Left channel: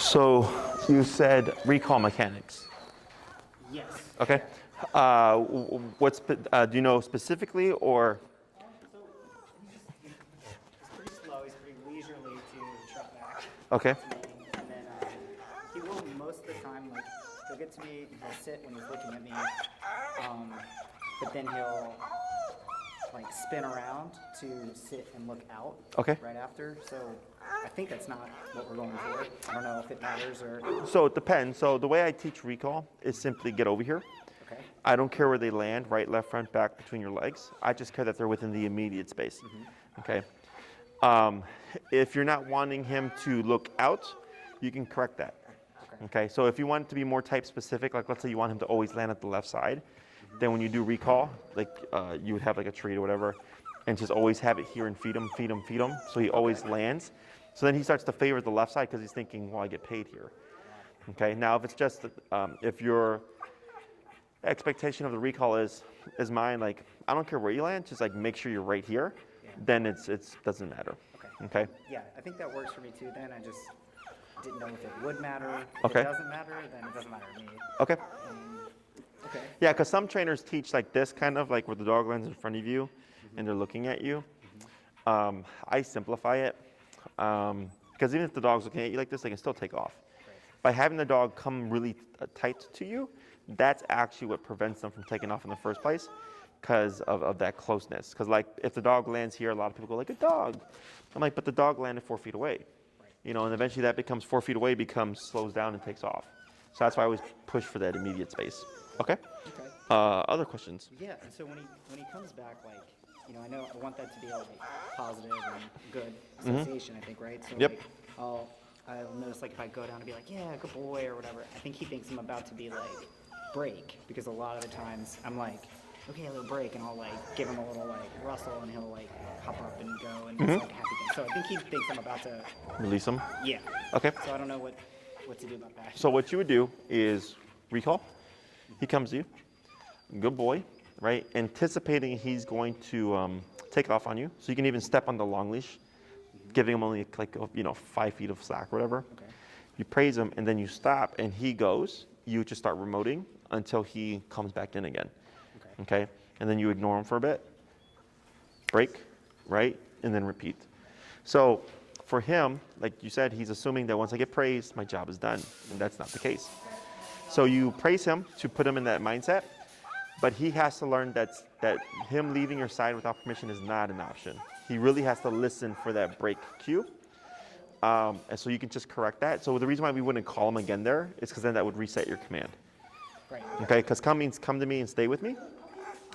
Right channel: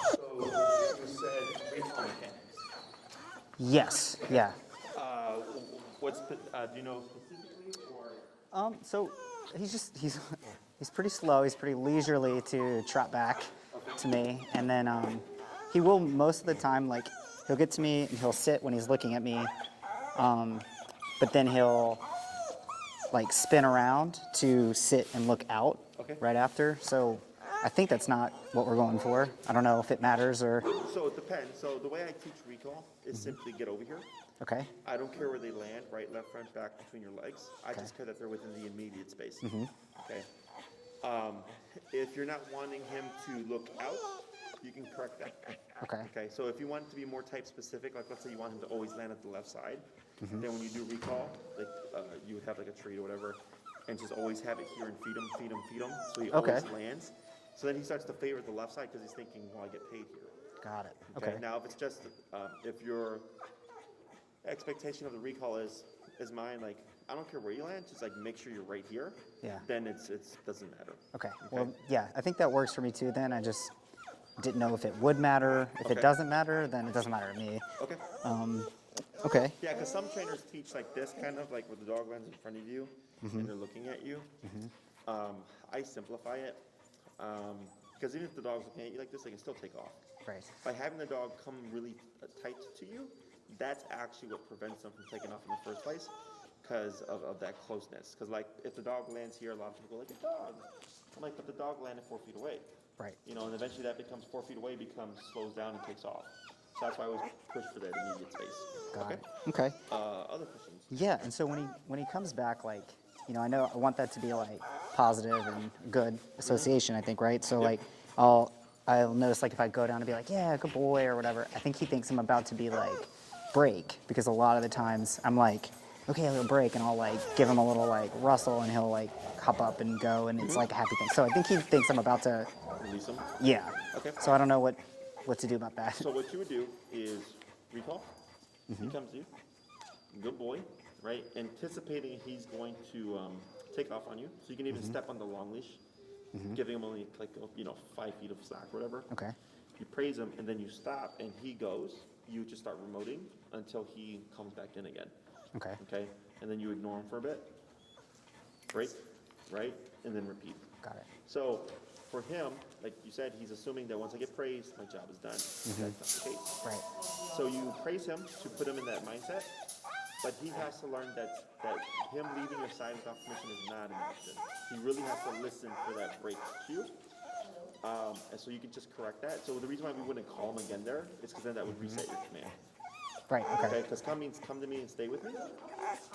So you said recall mechanics. Yes. Okay. Yeah. Do you know specifically or? So he's pretty slow. He's pretty leisurely to trot back Okay. to me, and then he will most of the time he'll get to me and he'll sit when he's looking at me, but then he'll spin around to sit and look out. Okay. Right after. So I think that's not what we're going for. I don't know if it matters or. So it depends. So the way I teach recall is simply get over here. Okay. I don't care where they land, right, left, front, back, between your legs. I just care that they're within the immediate space. Okay. If you're not wanting him to look out, you can correct that. Okay. Okay. So if you want it to be more type specific, like let's say you want him to always land at the left side, then when you do recall, you would have a treat or whatever, and just always have it here and feed him, so he always lands. So then he starts to favor the left side because he's thinking, well, I get paid here. Got it. Okay. Now if it's just if your expectation of the recall is mine, I don't care where you land, just make sure you're right here. Yeah. Then it doesn't matter. Okay. Okay. Well, yeah, I think that works for me too. Then I just didn't know if it would matter. If Okay. it doesn't matter, then it doesn't matter to me. Okay. Okay. Yeah, because some trainers teach this kind of where the dog lands in front of you and they're looking at you. I simplify it because even if the dog's looking at you like this, they can still take off. Right. By having the dog come really tight to you, that's actually what prevents them from taking off in the first place because of that closeness. Because if the dog lands here, a lot of people go a dog. I'm like, but the dog landed 4 feet away. Right. And eventually that becomes 4 feet away, slows down and takes off. So that's why I always push for that immediate space. Okay. Okay. Other questions? Yeah, and so when he comes back, I know I want that to be positive and good association. I think, right? So Yep. I'll notice if I go down and be yeah, good boy or whatever. I think he thinks I'm about to be break because a lot of the times I'm okay, I'm gonna break, and I'll give him a little rustle, and he'll hop up and go, and it's a happy thing. So I think he thinks I'm about to Release them? Yeah. Okay. So I don't know what to do about that. So what you would do is recall. He comes to you. Good boy, right? Anticipating he's going to take off on you. So you can even step on the long leash, giving him only 5 feet of slack or whatever. Okay. You praise him, and then you stop, and he goes. You just start remoting until he comes back in again. Okay. Okay. And then you ignore him for a bit. Break, right? And then repeat. Got it. So for him, like you said, he's assuming that once I get praised, my job is done. That's not the case. Right. So you praise him to put him in that mindset, but he has to learn that him leaving your side without permission is not an option. He really has to listen for that break cue. And so you can just correct that. So the reason why we wouldn't call him again there is because then that would reset your command. Right. Okay, because come means come to me and stay with me.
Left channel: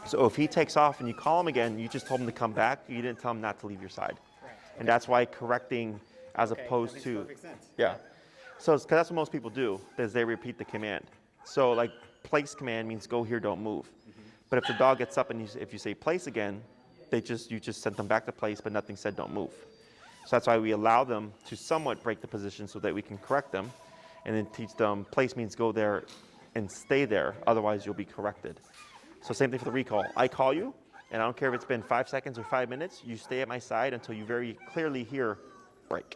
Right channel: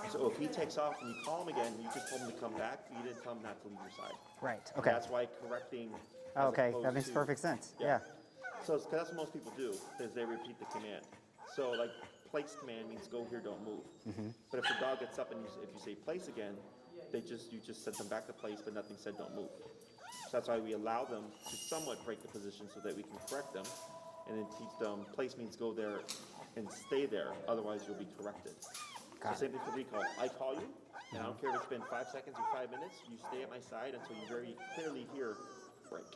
So if he takes off and you call him again, you just told him to come back. You didn't tell him not to leave your side. Right. Okay. And that's why correcting as opposed that makes to perfect sense. Yeah. So it's because that's what most people do is they repeat the command. So place command means go here, don't move. But if the dog gets up and if you say place again, you just sent them back to place, but nothing said don't move. So that's why we allow them to somewhat break the position so that we can correct them, and then teach them place means go there and stay there. Otherwise, you'll be corrected. So same thing for the recall. I call you, and I don't care if it's been 5 seconds or 5 minutes. You stay at my side until you very clearly hear break.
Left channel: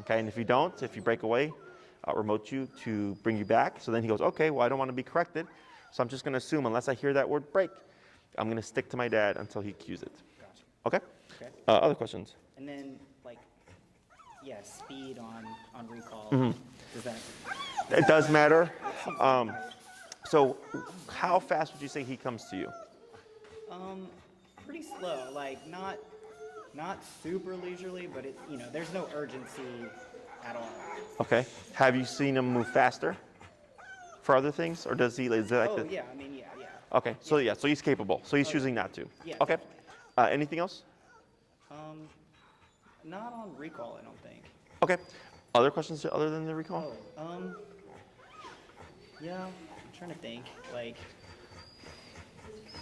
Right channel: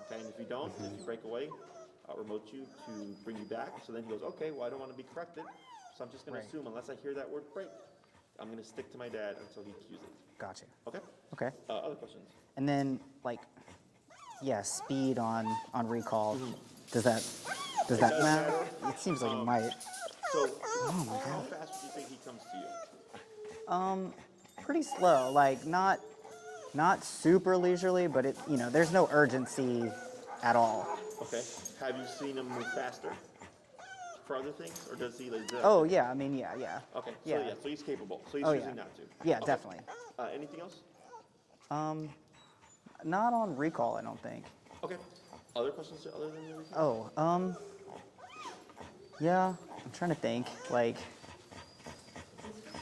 Okay, and if you don't, if you break away, I'll remote you to bring you back. So then he goes, okay, well, I don't want to be corrected. So I'm just going to assume unless I hear that word break, I'm going to stick to my dad until he cues it. Gotcha. Okay? Okay. Other questions? And then speed on recall. Does that? It does matter. It seems like it might. So how fast would you say he comes to you? Pretty slow. Not super leisurely, but there's no urgency at all. Okay. Have you seen him move faster for other things, or does he? Yeah. I mean, yeah. Okay. So so he's capable. So he's choosing not to. Yeah, okay. definitely. Anything else? Not on recall, I don't think. Okay. Other questions other than the recall? Yeah. I'm trying to think.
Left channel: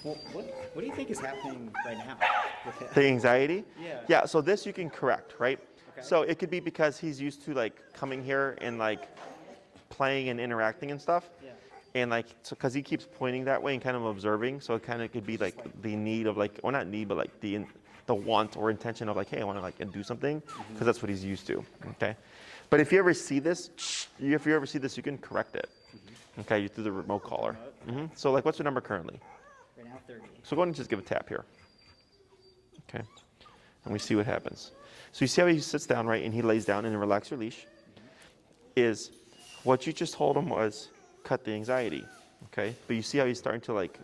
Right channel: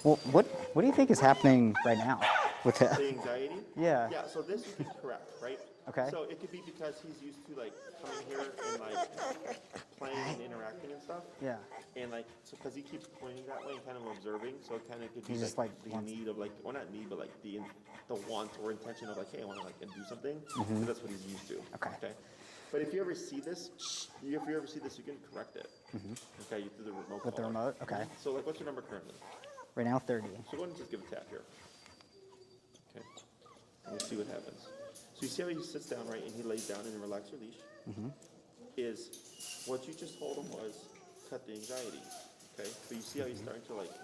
Well, what do you think is happening right now with that? The anxiety? Yeah. Yeah. So this you can correct, right? Okay. So it could be because he's used to coming here and playing and interacting and stuff. Yeah. And because he keeps pointing that way and kind of observing, so it kind of could be Just, the need of or not need, but the want or intention of hey, I want to do something because that's what he's used to. Okay. But if you ever see this, you can correct it. Okay, you through the remote With the collar. remote? Okay. So like, what's your number currently? Right now, 30. So go ahead and just give a tap here. Okay, and we see what happens. So you see how he sits down, right, and he lays down and then relax your leash. Is what you just told him was cut the anxiety. Okay, but you see how he's starting to like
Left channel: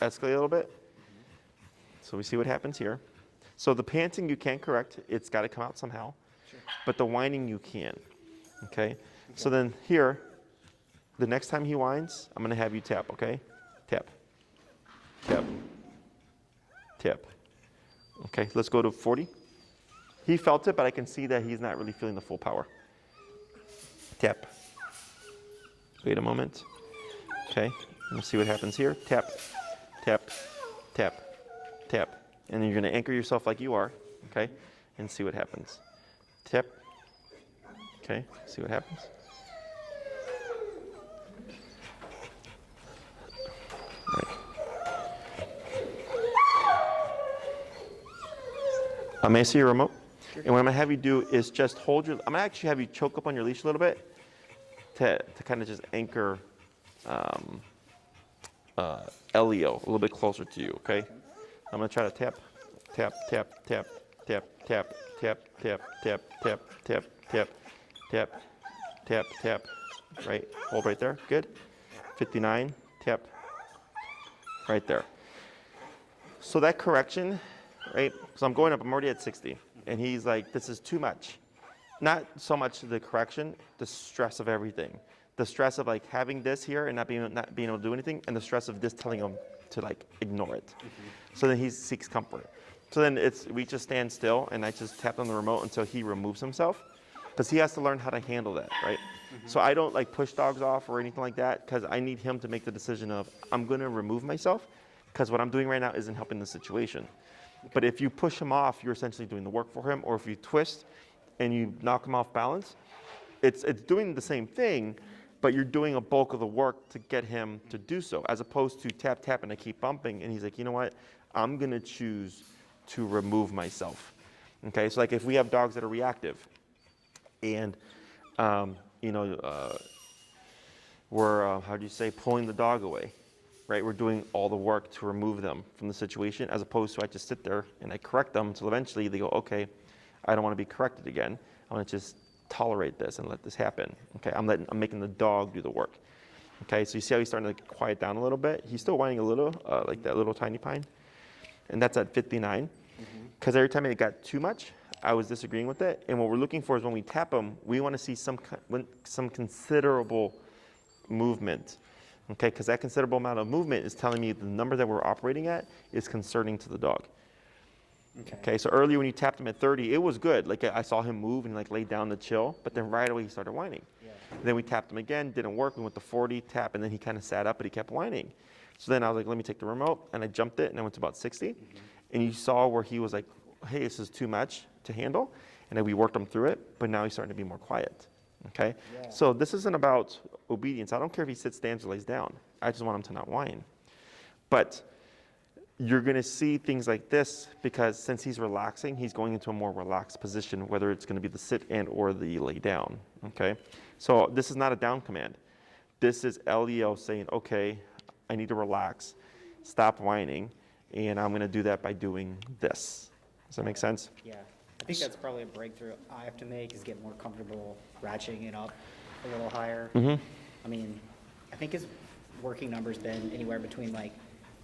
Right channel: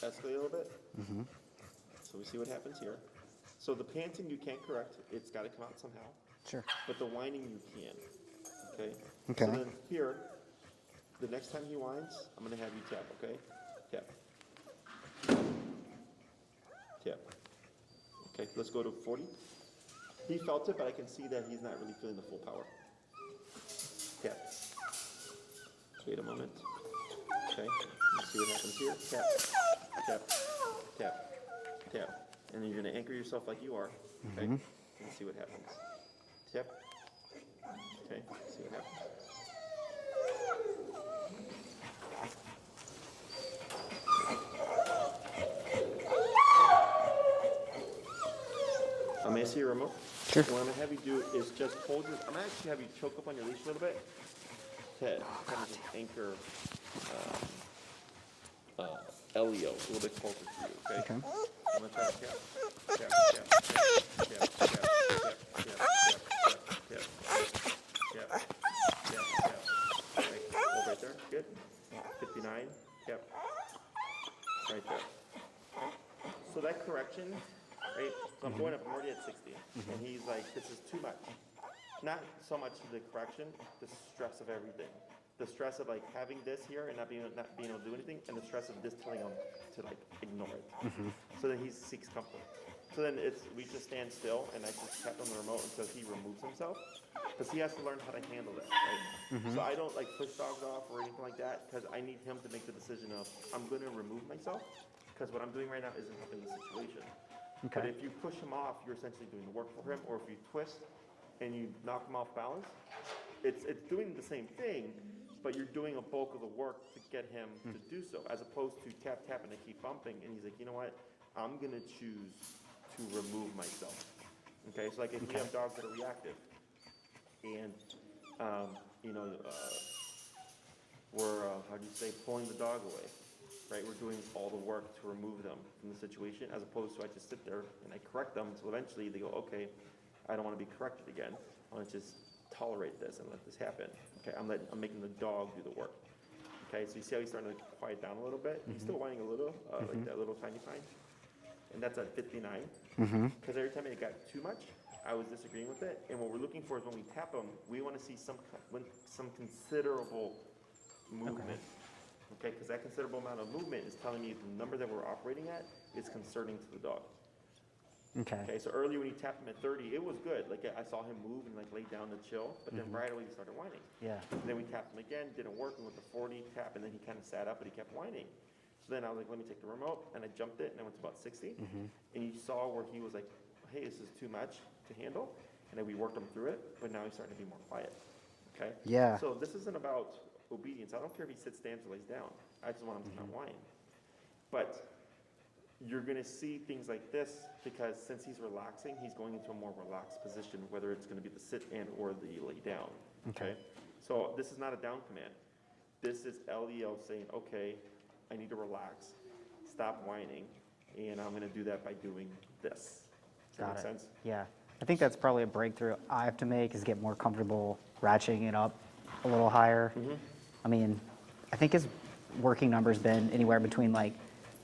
escalate a little bit. So we see what happens here. So the panting you can't correct; it's got to come out somehow. Sure. But the whining you can. Okay. So Okay. then here, the next time he whines, I'm gonna have you tap. Okay, tap, tap, tap. Okay, let's go to 40. He felt it, but I can see that he's not really feeling the full power. Tap. Wait a moment. Okay, let's see what happens here. Tap, tap, tap, tap. And then you're gonna anchor yourself like you are, okay? And see what happens. Tap. Okay, see what happens. May I see your remote? Sure. And what I'm gonna have you do is just hold your, I'm gonna actually have you choke up on your leash a little bit to kind of just anchor Elio a little bit closer to you, okay? I'm gonna try to tap, tap, tap, tap, tap, tap, tap, tap, tap, tap, tap, tap, tap, tap, tap. Right, hold right there, good. 59, tap, right there. So that correction, right? So I'm going up, I'm already at 60. And he's like, this is too much. Not so much the correction, the stress of everything. The stress of like having this here and not being able to do anything, and the stress of this telling him to like ignore it. So then he seeks comfort. So then we just stand still and I just tap on the remote until he removes himself, because he has to learn how to handle that, right? So I don't like push dogs off or anything like that, because I need him to make the decision of, I'm gonna remove myself, because what I'm doing right now isn't helping the situation. But if you push him off, you're essentially doing the work for him, or if you twist and you knock him off balance, it's doing the same thing, but you're doing a bulk of the work to get him to do so, as opposed to tap, tap, and I keep bumping, and he's like, you know what? I'm gonna choose to remove myself. Okay, so like if we have dogs that are reactive, and we're how do you say, pulling the dog away, right? We're doing all the work to remove them from the situation, as opposed to I just sit there and I correct them until eventually they go, okay, I don't want to be corrected again. I want to just tolerate this and let this happen. Okay, I'm making the dog do the work. Okay, so you see how he's starting to quiet down a little bit. He's still whining a little, like that little tiny pine, and that's at 59. Because every time it got too much, I was disagreeing with it. And what we're looking for is when we tap him, we want to see some considerable movement. Okay, because that considerable amount of movement is telling me the number that we're operating at is concerning to the dog. Okay, so earlier when you tapped him at 30, it was good. Like I saw him move and like lay down to chill, but then right away he started whining. Then we tapped him again, didn't work. We went to 40, tap, and then he kind of sat up, but he kept whining. So then I was like, let me take the remote, and I jumped it, and I went to about 60. And you saw where he was like, hey, this is too much to handle. And then we worked him through it, but now he's starting to be more quiet. Okay? Yeah. So this isn't about obedience. I don't care if he sits, stands, or lays down. I just want him to not whine. But you're going to see things like this because since he's relaxing, he's going into a more relaxed position, whether it's going to be the sit and or the lay down. Okay? So this is not a down command. This is Elio saying, okay, I need to relax, stop whining, and I'm going to do that by doing this. Does that make sense? Yeah. I think that's probably a breakthrough I have to make, is get more comfortable ratcheting it up a little higher. I mean, I think his working number's been anywhere between like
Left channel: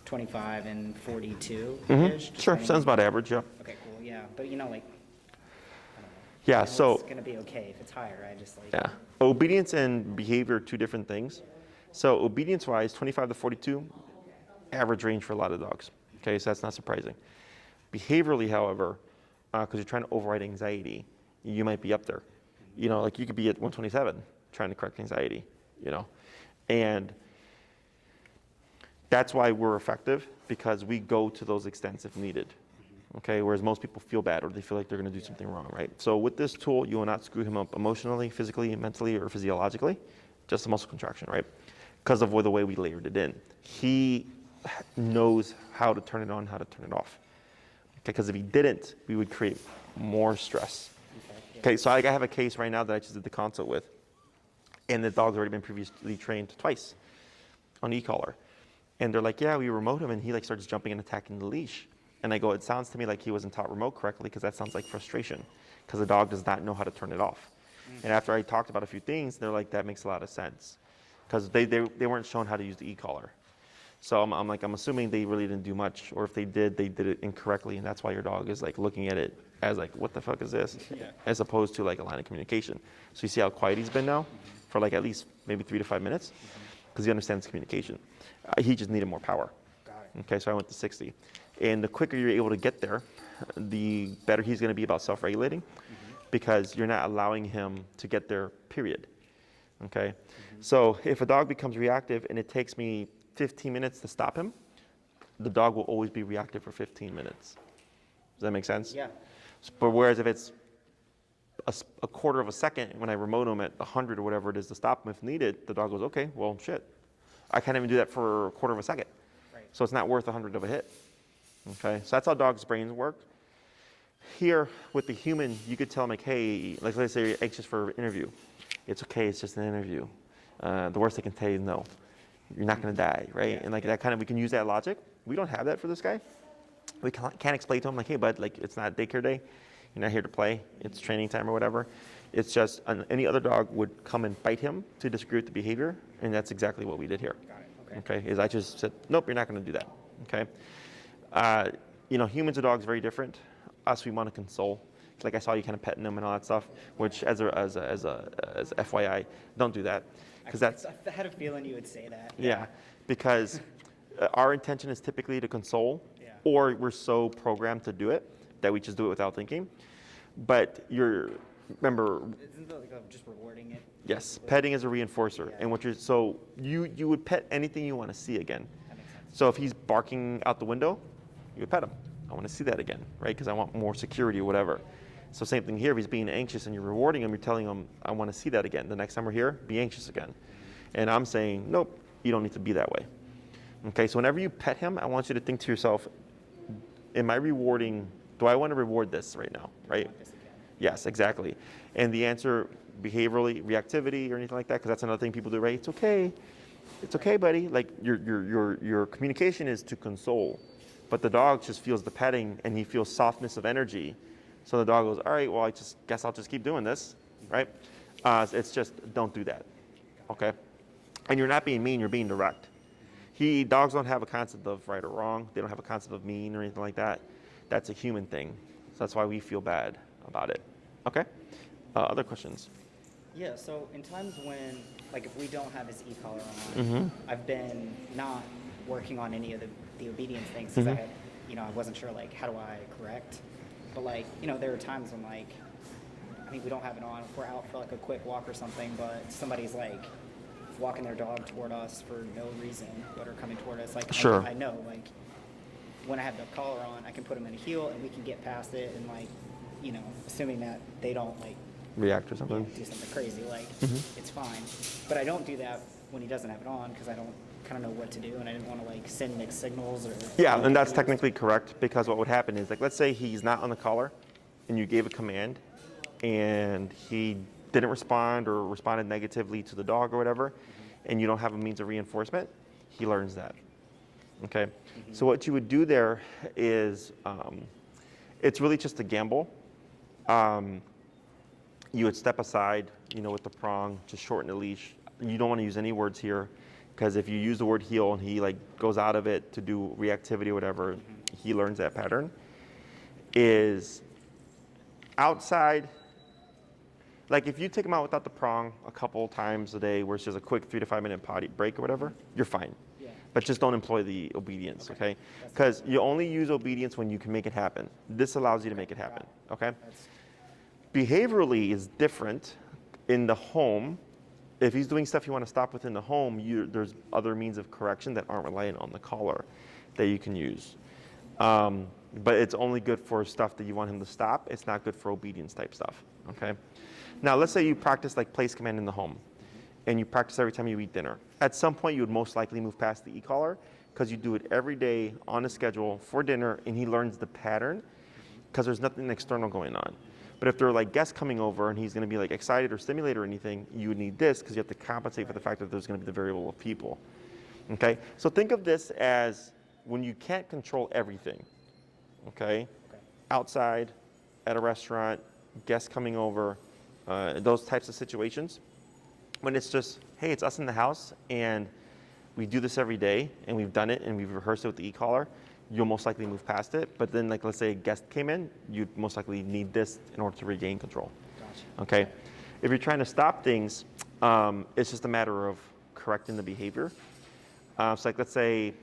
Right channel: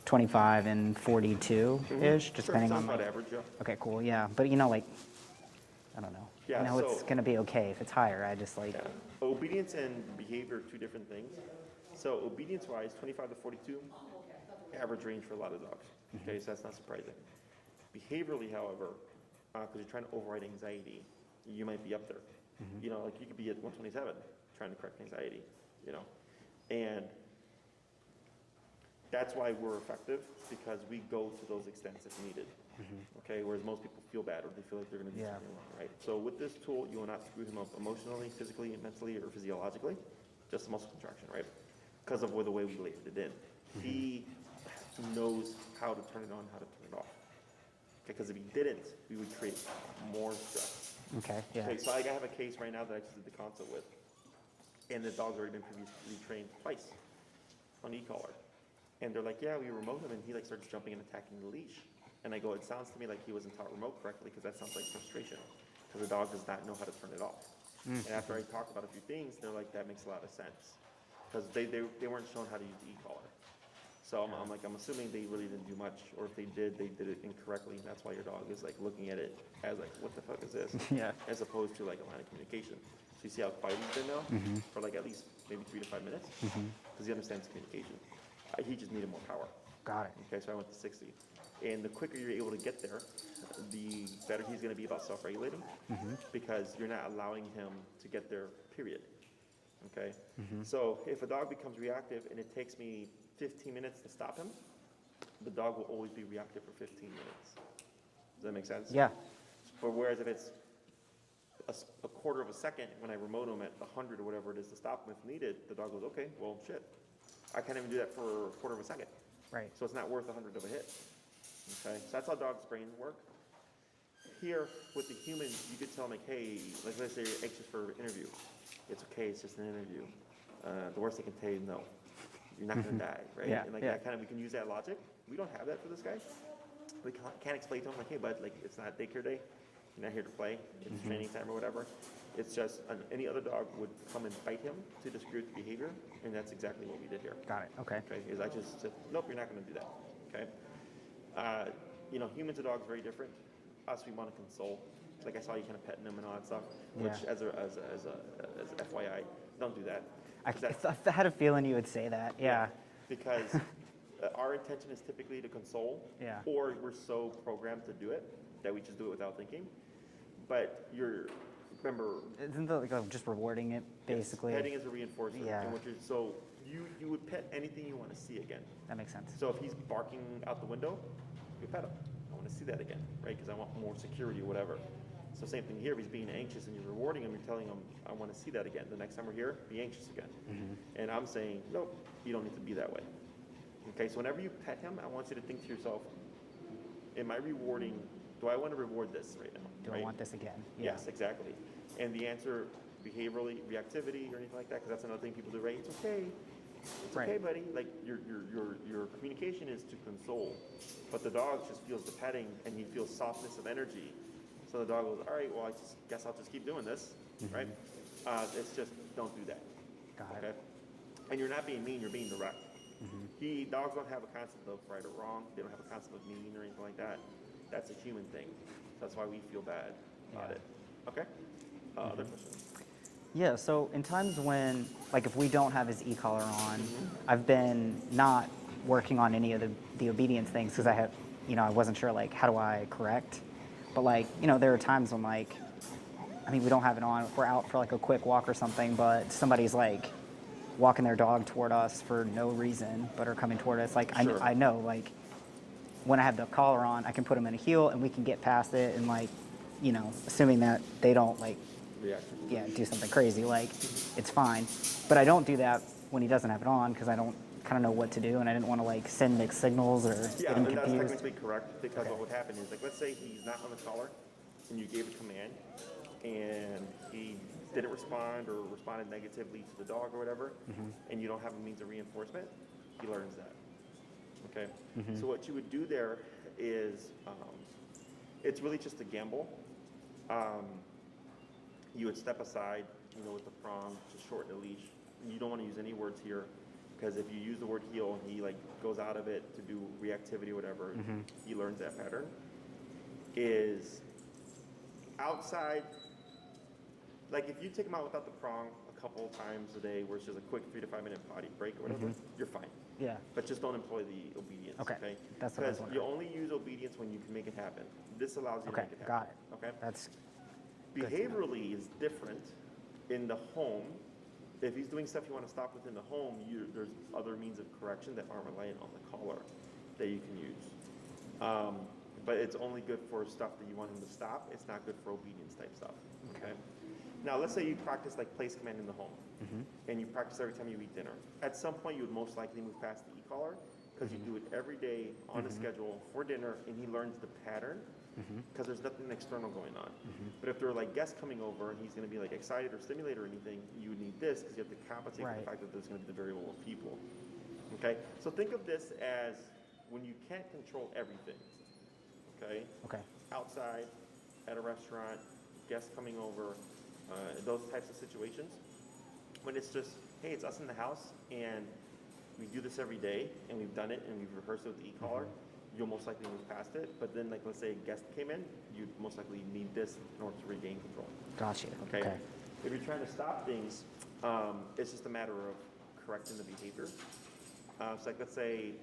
25 and 42-ish. Sure, sounds about average, yeah. Okay, cool, yeah. But I don't know. Yeah, I know so it's gonna be okay if it's higher. I just like. yeah, obedience and behavior are two different things. So obedience-wise, 25 to 42, average range for a lot of dogs. Okay, so that's not surprising. Behaviorally, however, because you're trying to override anxiety, you might be up there. Like you could be at 127 trying to correct anxiety, and that's why we're effective, because we go to those extents if needed. Okay, whereas most people feel bad or they feel like they're going to do something wrong, right? So with this tool, you will not screw him up emotionally, physically, mentally, or physiologically, just a muscle contraction, right? Because of the way we layered it in. He knows how to turn it on, how to turn it off. Because if he didn't, we would create more stress Okay. Yeah. Okay, so I have a case right now that I just did the consult with, and the dog's already been previously trained twice on e-collar. And they're like, yeah, we remote him, and he like starts jumping and attacking the leash. And I go, it sounds to me like he wasn't taught remote correctly, because that sounds like frustration, because the dog does not know how to turn it off. And after I talked about a few things, they're like, that makes a lot of sense, because they weren't shown how to use the e-collar. So I'm assuming they really didn't do much, or if they did it incorrectly, and that's why your dog is like looking at it as like, what the fuck is this? Yeah. As opposed to like a line of communication. So you see how quiet he's been now for like at least maybe 3 to 5 minutes, because he understands communication. He just needed more power. Got it. Okay, so I went to 60. And the quicker you're able to get there, the better he's going to be about self-regulating, because you're not allowing him to get there, period. Okay? So if a dog becomes reactive and it takes me 15 minutes to stop him, the dog will always be reactive for 15 minutes. Does that make sense? Yeah. But whereas if it's a quarter of a second, when I remote him at 100 or whatever it is to stop him if needed, the dog goes, okay, well, shit. I can't even do that for a quarter of a second. Right. So it's not worth 100 of a hit. Okay, so that's how dogs' brains work. Here, with the human, you could tell them, like, hey, like let's say you're anxious for an interview. It's okay, it's just an interview. The worst they can tell you is no. You're not going to die, right? Yeah, And like yeah. that kind of, we can use that logic. We don't have that for this guy. We can't explain to him, like, hey, bud, like, it's not daycare day. You're not here to play. It's training time or whatever. It's just any other dog would come and bite him to disagree with the behavior, and that's exactly what we did here. Got it. Okay. Okay, is I just said, nope, you're not going to do that. Okay, humans and dogs very different. Us, we want to console. Like I saw you kind of petting them and all that stuff, which as FYI, don't do that, because that's I had a feeling you would say that. yeah, because our intention is typically to console, Yeah. or we're so programmed to do it that we just do it without thinking. But remember, Isn't that like just rewarding it? yes, basically? petting is a reinforcer, Yeah. and you would pet anything you want to see again. That makes sense. So if he's barking out the window, you would pet him. I want to see that again, right? Because I want more security or whatever. So same thing here. If he's being anxious and you're rewarding him, you're telling him, I want to see that again. The next time we're here, be anxious again. And I'm saying, nope, you don't need to be that way. Okay, so whenever you pet him, I want you to think to yourself, am I rewarding, do I want to reward this right now, Do right? I want this again? Yes, exactly. And the answer, behaviorally, reactivity or anything like that, because that's another thing people do, right? It's okay. It's okay, Right. buddy. Like your communication is to console, but the dog just feels the petting and he feels softness of energy. So the dog goes, all right, well, I just guess I'll just keep doing this, right? It's just don't do that, Got okay? it. And you're not being mean, you're being direct. Dogs don't have a concept of right or wrong. They don't have a concept of mean or anything like that. That's a human thing. So that's why we feel bad about it. Okay? Other questions? Yeah, so in times when, like if we don't have his e-collar on, I've been not working on any of the obedience things because I wasn't sure like how do I correct. But like, there are times when like, we don't have it on, we're out for like a quick walk or something, but somebody's like walking their dog toward us for no reason, but are coming toward us. Like, Sure. I know like when I have the collar on, I can put him in a heel and we can get past it and like, assuming that they don't like React or something? do something crazy, like it's fine. But I don't do that when he doesn't have it on because I don't kind of know what to do and I didn't want to like send mixed signals or Yeah, and that's technically correct, because what would happen is, like, let's say he's not on the collar and you gave a command and he didn't respond or responded negatively to the dog or whatever, and you don't have a means of reinforcement, he learns that. Okay? So what you would do there is, it's really just a gamble. You would step aside, with the prong to shorten the leash. You don't want to use any words here, because if you use the word heel and he like goes out of it to do reactivity or whatever, he learns that pattern. Is outside, like if you take him out without the prong a couple times a day, where it's just a quick 3 to 5 minute potty break or whatever, you're fine. Yeah. But just don't employ the obedience, Okay. okay? That's Because what I you only use obedience when you can make it happen. This allows you to make it happen, got okay? That's Behaviorally is different in the home. If he's doing stuff you want to stop within the home, there's other means of correction that aren't reliant on the collar that you can use. But it's only good for stuff that you want him to stop. It's not good for obedience type stuff, okay? Now, let's say you practice like place command in the home, and you practice every time you eat dinner. At some point, you would most likely move past the e-collar because you do it every day on a schedule for dinner, and he learns the pattern because there's nothing external going on. But if there are like guests coming over and he's going to be like excited or stimulated or anything, you would need this because you have to compensate for the fact that there's going to be the variable of people. Okay, so think of this as when you can't control everything. Okay. Okay. Outside, at a restaurant, guests coming over, those types of situations. When it's just, hey, it's us in the house and we do this every day and we've done it and we've rehearsed it with the e-collar, you'll most likely move past it. But then, like, let's say a guest came in, you'd most likely need this in order to regain control. Gotcha. Okay? If you're trying to stop things, it's just a matter of correcting the behavior. So, like, let's say,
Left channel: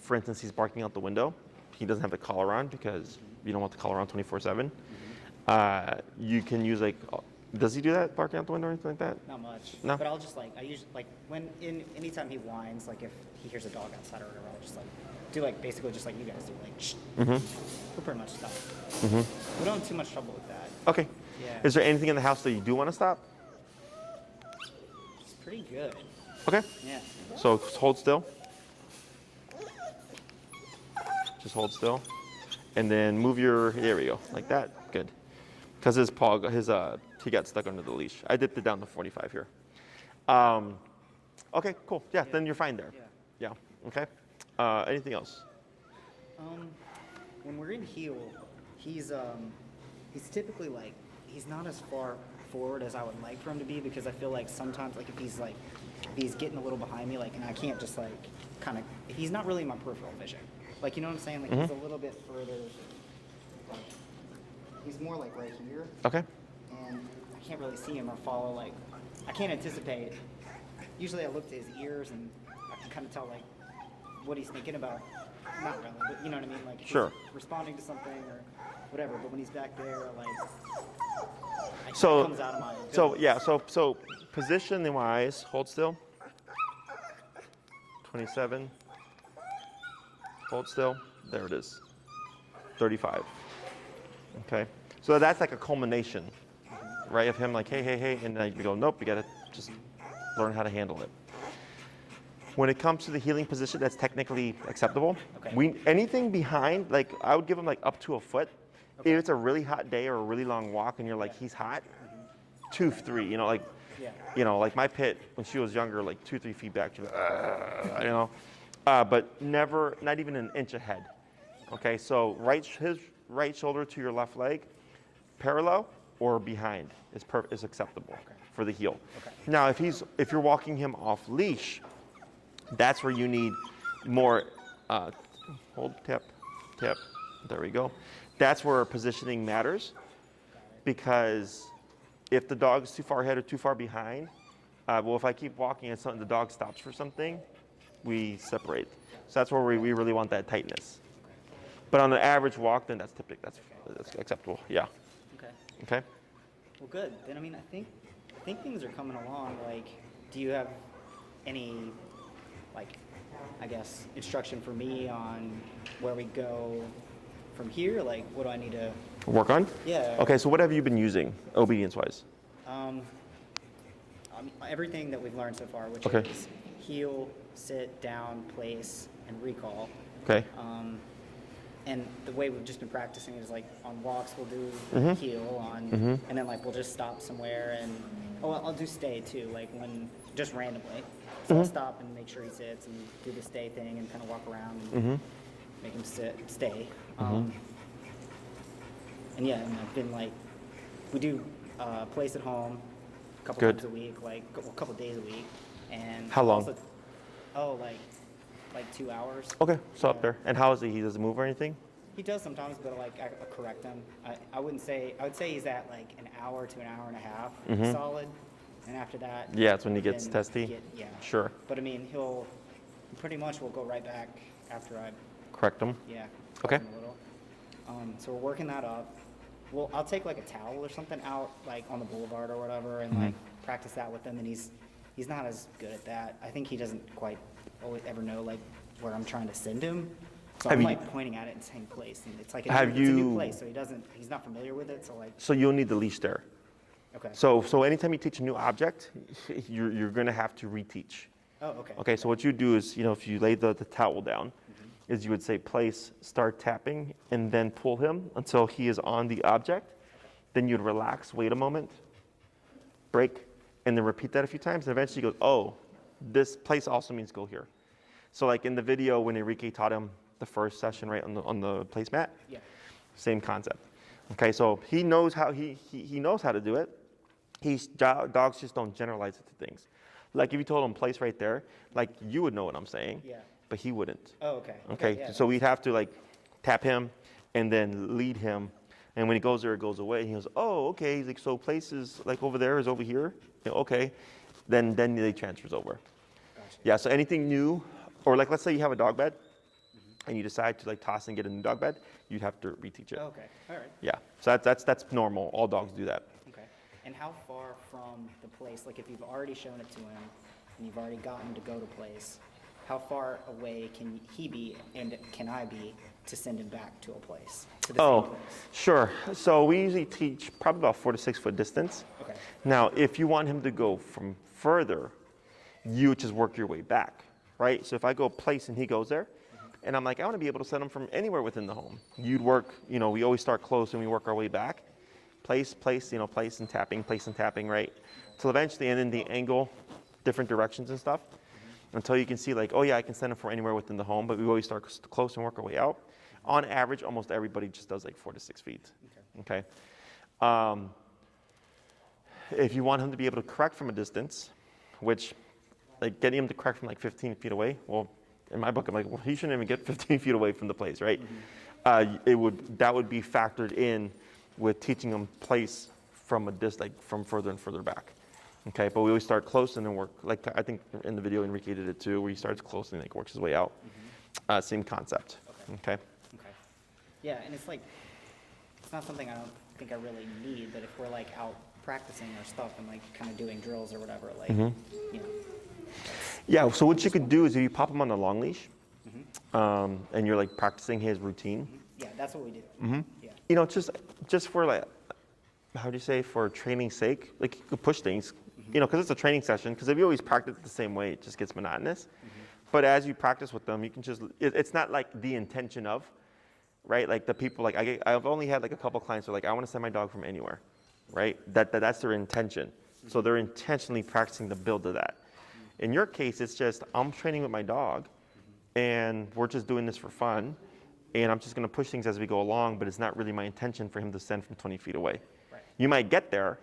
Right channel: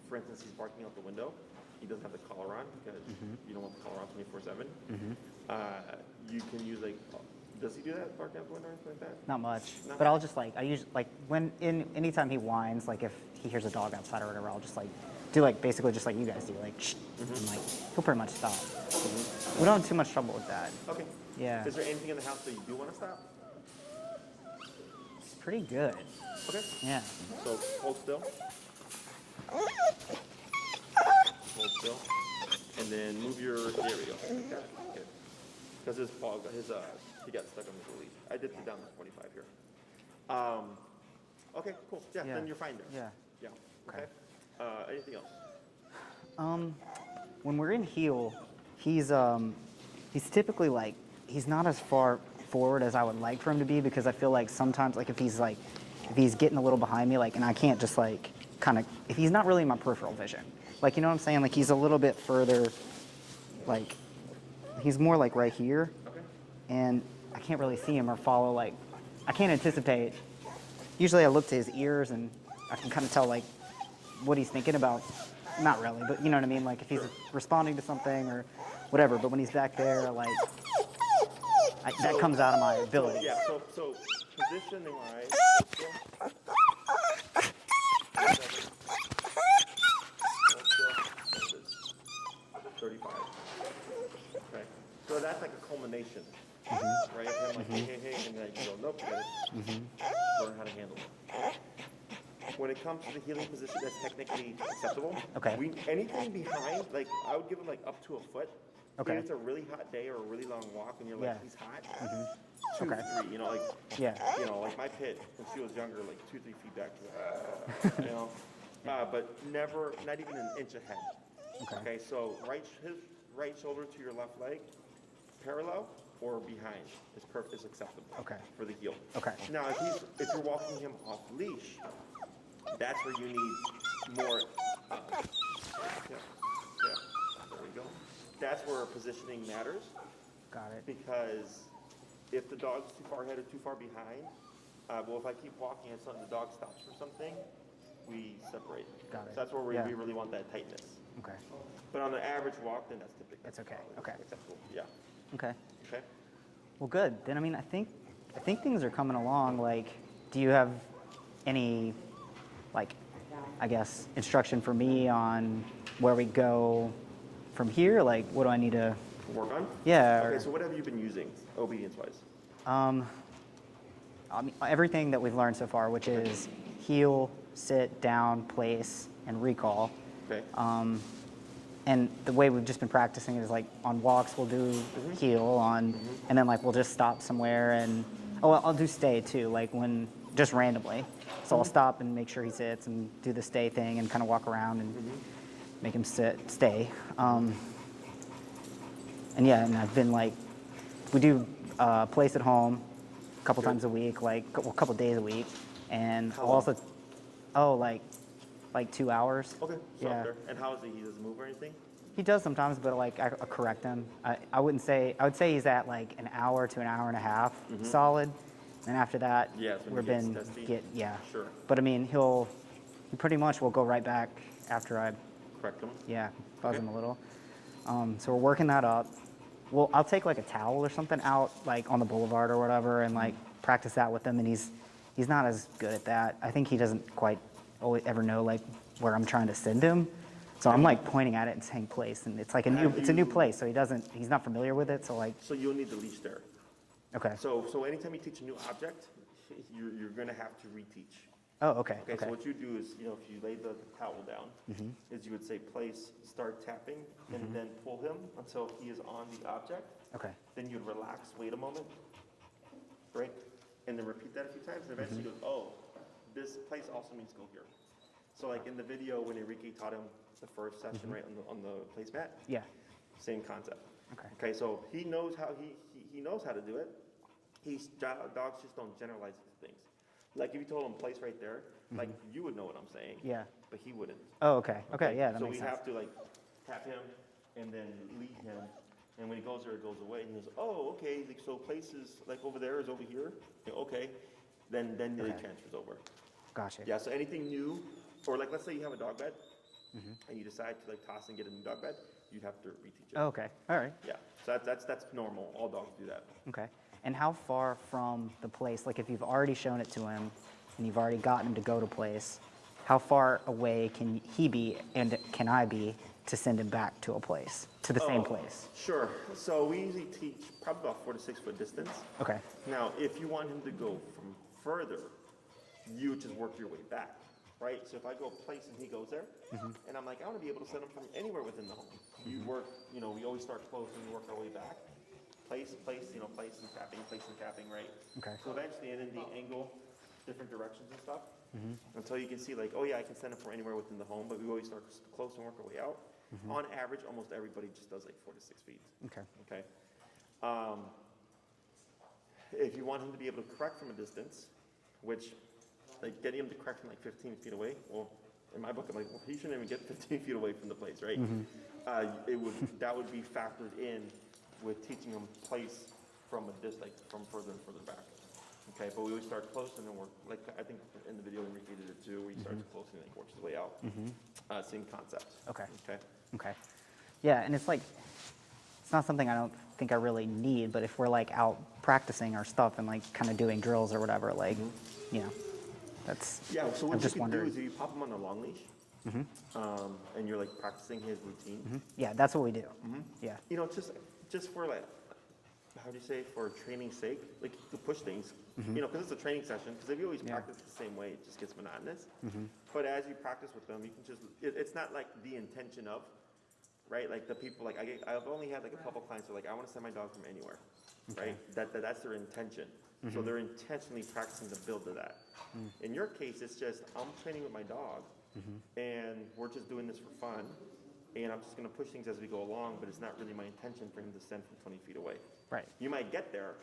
for instance, he's barking out the window. He doesn't have the collar on because you don't want the collar on 24/7. You can use, like, does he do that, barking out the window or anything like that? Not much. No? But I'll just like, I usually, like, anytime he whines, like if he hears a dog outside or whatever, I'll just like, do like, basically just like you guys do, like, shh. And, like, he'll pretty much stop. We don't have too much trouble with that. Okay. Yeah. Is there anything in the house that you do want to stop? It's pretty good. Okay. Yeah. So just hold still. Just hold still. And then move your, there we go, like that. Good. Because his paw, he got stuck under the leash. I dipped it down to 45 here. Okay, cool. Yeah, then you're fine there. Yeah. Yeah. Okay. Anything else? When we're in heel, he's typically like, he's not as far forward as I would like for him to be because I feel like sometimes like if he's getting a little behind me, like, and I can't just like kind of, if he's not really in my peripheral vision, like, you know what I'm saying? Like he's a little bit further, like he's more like right here. Okay. And I can't really see him or follow, like, I can't anticipate. Usually I look to his ears and I can kind of tell like what he's thinking about. Not really, but you know what I mean? Like if he's responding to something or whatever, but when he's back there, like, that comes out of my ability. So, yeah, so position-wise, hold still. 27. Hold still. There it is. 35. Okay. So that's like a culmination, right, of him like, hey, and then you go, nope, you gotta just learn how to handle it. When it comes to the healing position, that's technically acceptable. Okay. Anything behind, like, I would give him like up to a foot. Okay. If it's a really hot day or a really long walk and you're like, he's hot, 2, 3, you know, like, like my pit when she was younger, like 2, 3 feet back, she's like, you know, but never, not even an inch ahead. Okay, so his right shoulder to your left leg, parallel or behind is acceptable for the heel. Okay. Now, if you're walking him off leash, that's where you need more hold, tap. There we go. That's where positioning matters. Got it. Because if the dog is too far ahead or too far behind, well, if I keep walking and the dog stops for something, we separate. So that's where we really want that tightness. Okay. But on an average walk, then that's typical. That's okay. acceptable. Yeah. Okay. Okay. Well, good. Then I mean, I think things are coming along. Like, do you have any, like, I guess, instruction for me on where we go from here? Like, what do I need to work on? Yeah. Okay. So what have you been using, obedience-wise? I mean, everything that we've learned so far, which is heel, sit, down, place, and recall. Okay. And the way we've just been practicing is like on walks we'll do heel and then like we'll just stop somewhere and I'll do stay too, like when just randomly. So I'll stop and make sure he sits and do the stay thing and kind of walk around and make him stay. And yeah, and I've been like, we do place at home a couple times a week, like a couple days a week. And how long? Also, like 2 hours. Okay, so up there. And how is he? He doesn't move or anything? He does sometimes, but like I correct him. I would say he's at like an hour to an hour and a half solid, and after that, yeah, it's when he gets testy. Sure. But I mean, he pretty much will go right back after I correct him. Yeah, fuzz him a little. So we're working that up. Well, I'll take like a towel or something out like on the boulevard or whatever, and like practice that with him. And he's not as good at that. I think he doesn't quite ever know like where I'm trying to send him. So I'm like pointing at it and saying place, and it's like it's a new place, so he's not familiar with it. So like. So you'll need the leash there. Okay. So anytime you teach a new object, you're going to have to reteach. Oh, okay. Okay. So what you do is, if you lay the towel down, is you would say place, start tapping, and then pull him until he is on the object. Okay. then you'd relax, wait a moment, break, and then repeat that a few times. And eventually he goes, oh, this place also means go here. So like in the video when Enrique taught him the first session, right, on the placemat, same concept. Okay, so he knows how he knows how to do it. Dogs just don't generalize it to things. Like if you told him place right there, like you would know what I'm saying, but he wouldn't. Oh, okay. Okay, yeah. So we'd have to like tap him and then lead him. And when he goes there, it goes away. And he goes, oh, okay. He's like, so places like over there is over here. Yeah, okay. Then they transfers over. Gotcha. Yeah, so anything new, or like let's say you have a dog bed and you decide to like toss and get a new dog bed, you'd have to reteach it. Oh, okay. All right. Yeah, so that's normal. All dogs do that. Okay. And how far from the place, like if you've already shown it to him and you've already gotten him to go to place, how far away can he be and can I be to send him back to a place, to the same place? Sure. So we usually teach probably about 4 to 6 foot distance. Okay. Now, if you want him to go from further, you just work your way back, right? So if I go place and he goes there, and I'm like, I want to be able to send him from anywhere within the home. You'd work, we always start close and we work our way back. Place, place and tapping, right? Okay. So eventually, and then the angle, different directions and stuff, until you can see like, oh yeah, I can send him from anywhere within the home, but we always start close and work our way out. On average, almost everybody just does like 4 to 6 feet. Okay. Okay. If you want him to be able to correct from a distance, which like getting him to correct from like 15 feet away, well, in my book, I'm like, well, he shouldn't even get 15 feet away from the place, right? That would be factored in with teaching him place from from further and further back. Okay, but we always start close and then work, like I think in the video Enrique did it too, where he starts close and like works his way out. Same concept. Okay. Okay. Yeah, and it's like, it's not something I don't think I really need, but if we're like out practicing our stuff and like kind of doing drills or whatever, like, that's. Yeah, so what you could do is if you pop him on the long leash, and you're like practicing his routine. Yeah, that's what we do. Yeah. Just for like, how do you say, for training's sake, like you can push things, because it's a training session, because if you always practice it the same way, it just gets monotonous. But as you practice with them, you can just, it's not like the intention of, right? Like the people, like I've only had like a couple clients who are like, I want to send my dog from anywhere, right? That's their intention. So they're intentionally practicing the build of that. In your case, it's just, I'm training with my dog, and we're just doing this for fun, and I'm just going to push things as we go along, but it's not really my intention for him to send from 20 feet away. Right. You might get there,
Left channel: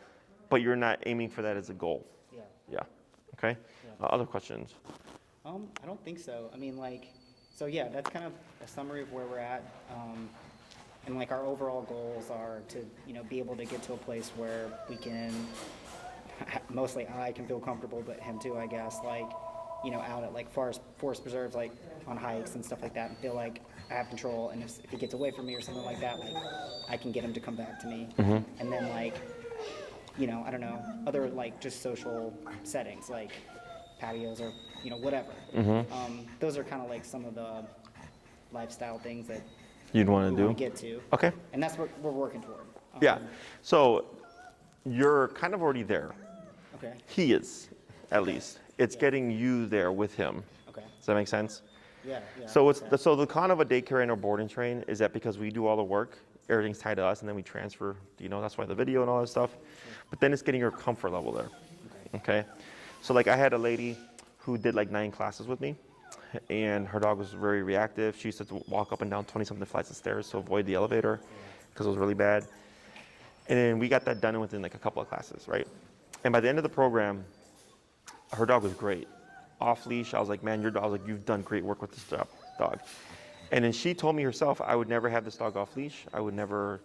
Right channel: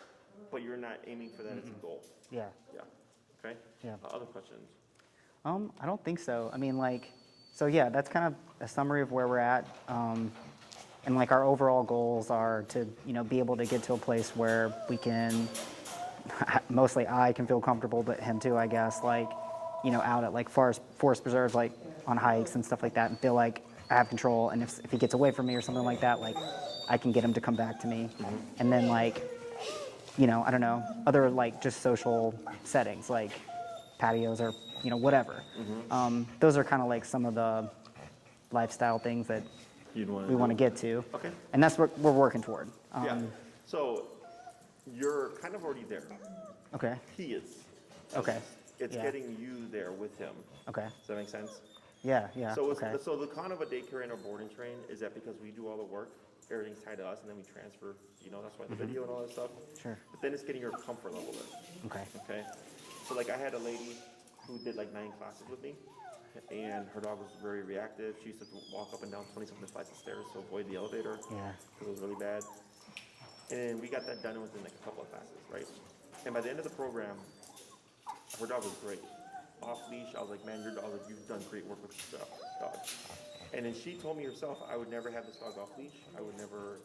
but you're not aiming for that as a goal. Yeah. Yeah. Okay? Yeah. Other questions? I don't think so. I mean, like, so yeah, that's kind of a summary of where we're at. And like our overall goals are to, be able to get to a place where we can, mostly I can feel comfortable, but him too, I guess, like, out at like forest preserves, like on hikes and stuff like that, and feel like I have control. And if he gets away from me or something like that, like I can get him to come back to me. And then like, I don't know, other like just social settings, like patios or, whatever. Those are kind of like some of the lifestyle things that You'd want to do? we want to get to. Okay. And that's what we're working toward. Yeah. So you're kind of already there. Okay. He is, at least. It's Yeah. getting you there with him. Okay. Does that make sense? Yeah. So it's okay. so the con of a daycare and a board and train is that because we do all the work, everything's tied to us, and then we transfer. That's why the video and all that stuff. Sure. But then it's getting your comfort level there. Okay. Okay. So like I had a lady who did like 9 classes with me, and her dog was very reactive. She used to walk up and down 20-something flights of stairs to avoid the elevator because it was really bad. And then we got that done within like a couple of classes, right? And by the end of the program, her dog was great. Off leash, I was like, man, your dog, like, you've done great work with this dog. And then she told me herself, I would never have this dog off leash. I would never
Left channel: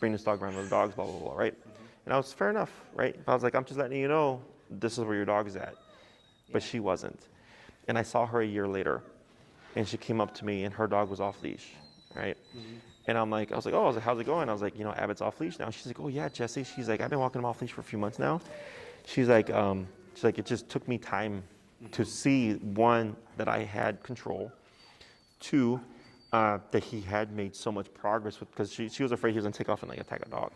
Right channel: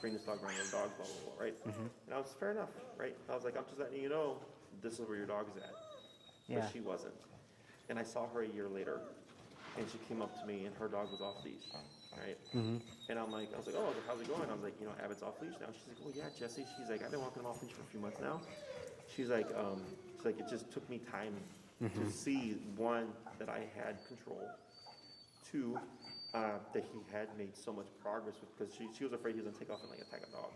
bring this dog around with dogs, blah, blah, blah, right? And I was, fair enough, right? I was like, I'm just letting you know, this is where your dog is at. But she wasn't. And I saw her a year later, and she came up to me, and her dog was off leash, right? And I was like, oh, how's it going? I was like, Abbott's off leash now. She's like, oh yeah, Jesse. She's like, I've been walking him off leash for a few months now. She's like, it just took me time to see, 1, that I had control, 2, that he had made so much progress with, because she was afraid he was gonna take off and like attack a dog,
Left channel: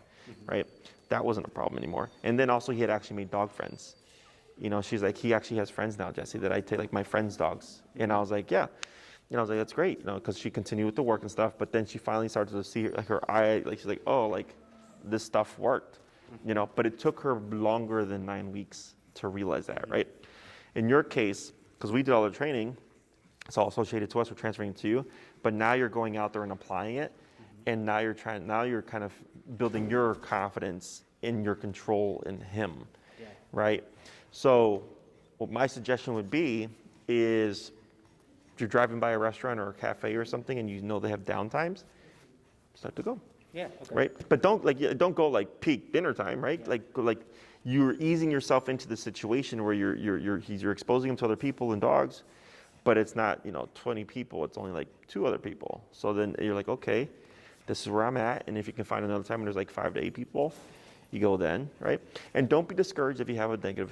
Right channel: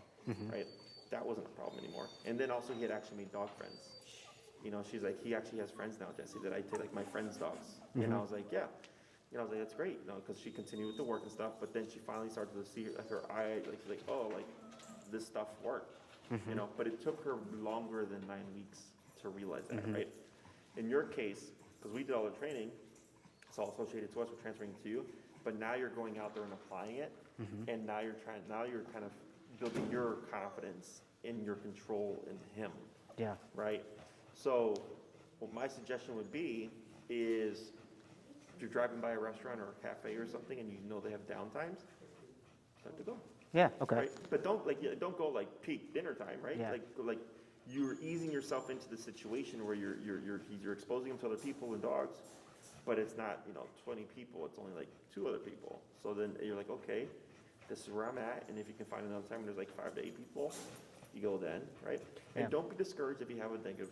right? That wasn't a problem anymore. And then also he had actually made dog friends. She's like, he actually has friends now, Jesse, that I take, like my friends' dogs. And I was like, yeah. I was like, that's great, because she continued with the work and stuff. But then she finally started to see like her eye, like she's like, oh, like this stuff worked, you know, but it took her longer than 9 weeks to realize that, right? In your case, because we did all the training, it's all associated to us, we're transferring it to you, but now you're going out there and applying it, and now you're kind of building your confidence in your control in him, right? So what my suggestion would be is if you're driving by a restaurant or a cafe or something and you know they have downtimes, start to go. Yeah. Okay. Right? But don't go like peak dinner time, right? Yeah. Like you're easing yourself into the situation where you're exposing him to other people and dogs, but it's not, you know, 20 people, it's only like 2 other people. So then you're like, okay, this is where I'm at, and if you can find another time when there's like 5 to 8 people, you go then, right? And don't be discouraged if you have a negative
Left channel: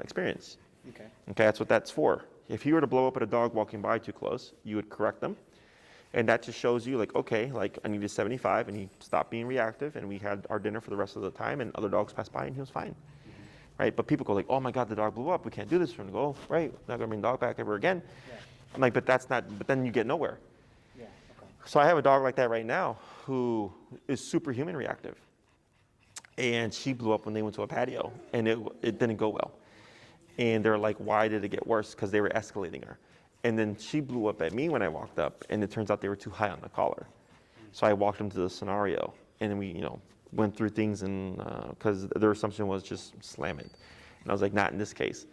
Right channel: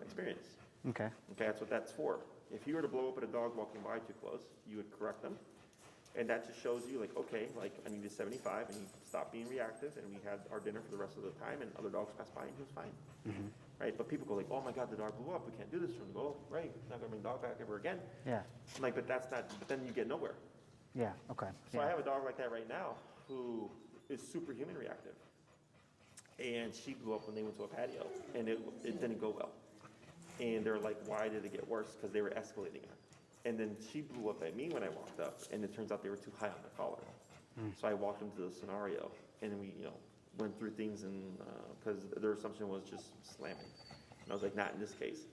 experience. Okay. Okay, that's what that's for. If you were to blow up at a dog walking by too close, you would correct them. And that just shows you like, okay, like I needed 75 and he stopped being reactive and we had our dinner for the rest of the time and other dogs passed by and he was fine. Right? But people go like, oh my God, the dog blew up. We can't do this. We're gonna go, right, not gonna bring the dog back ever again. Yeah. I'm like, but then you get nowhere. Yeah. Okay. So I have a dog like that right now who is superhuman reactive. And she blew up when they went to a patio and it didn't go well. And they're like, why did it get worse? Because they were escalating her. And then she blew up at me when I walked up, and it turns out they were too high on the collar. So I walked them to the scenario, and then we, you know, went through things, and because their assumption was just slam it. And I was like, not in this case.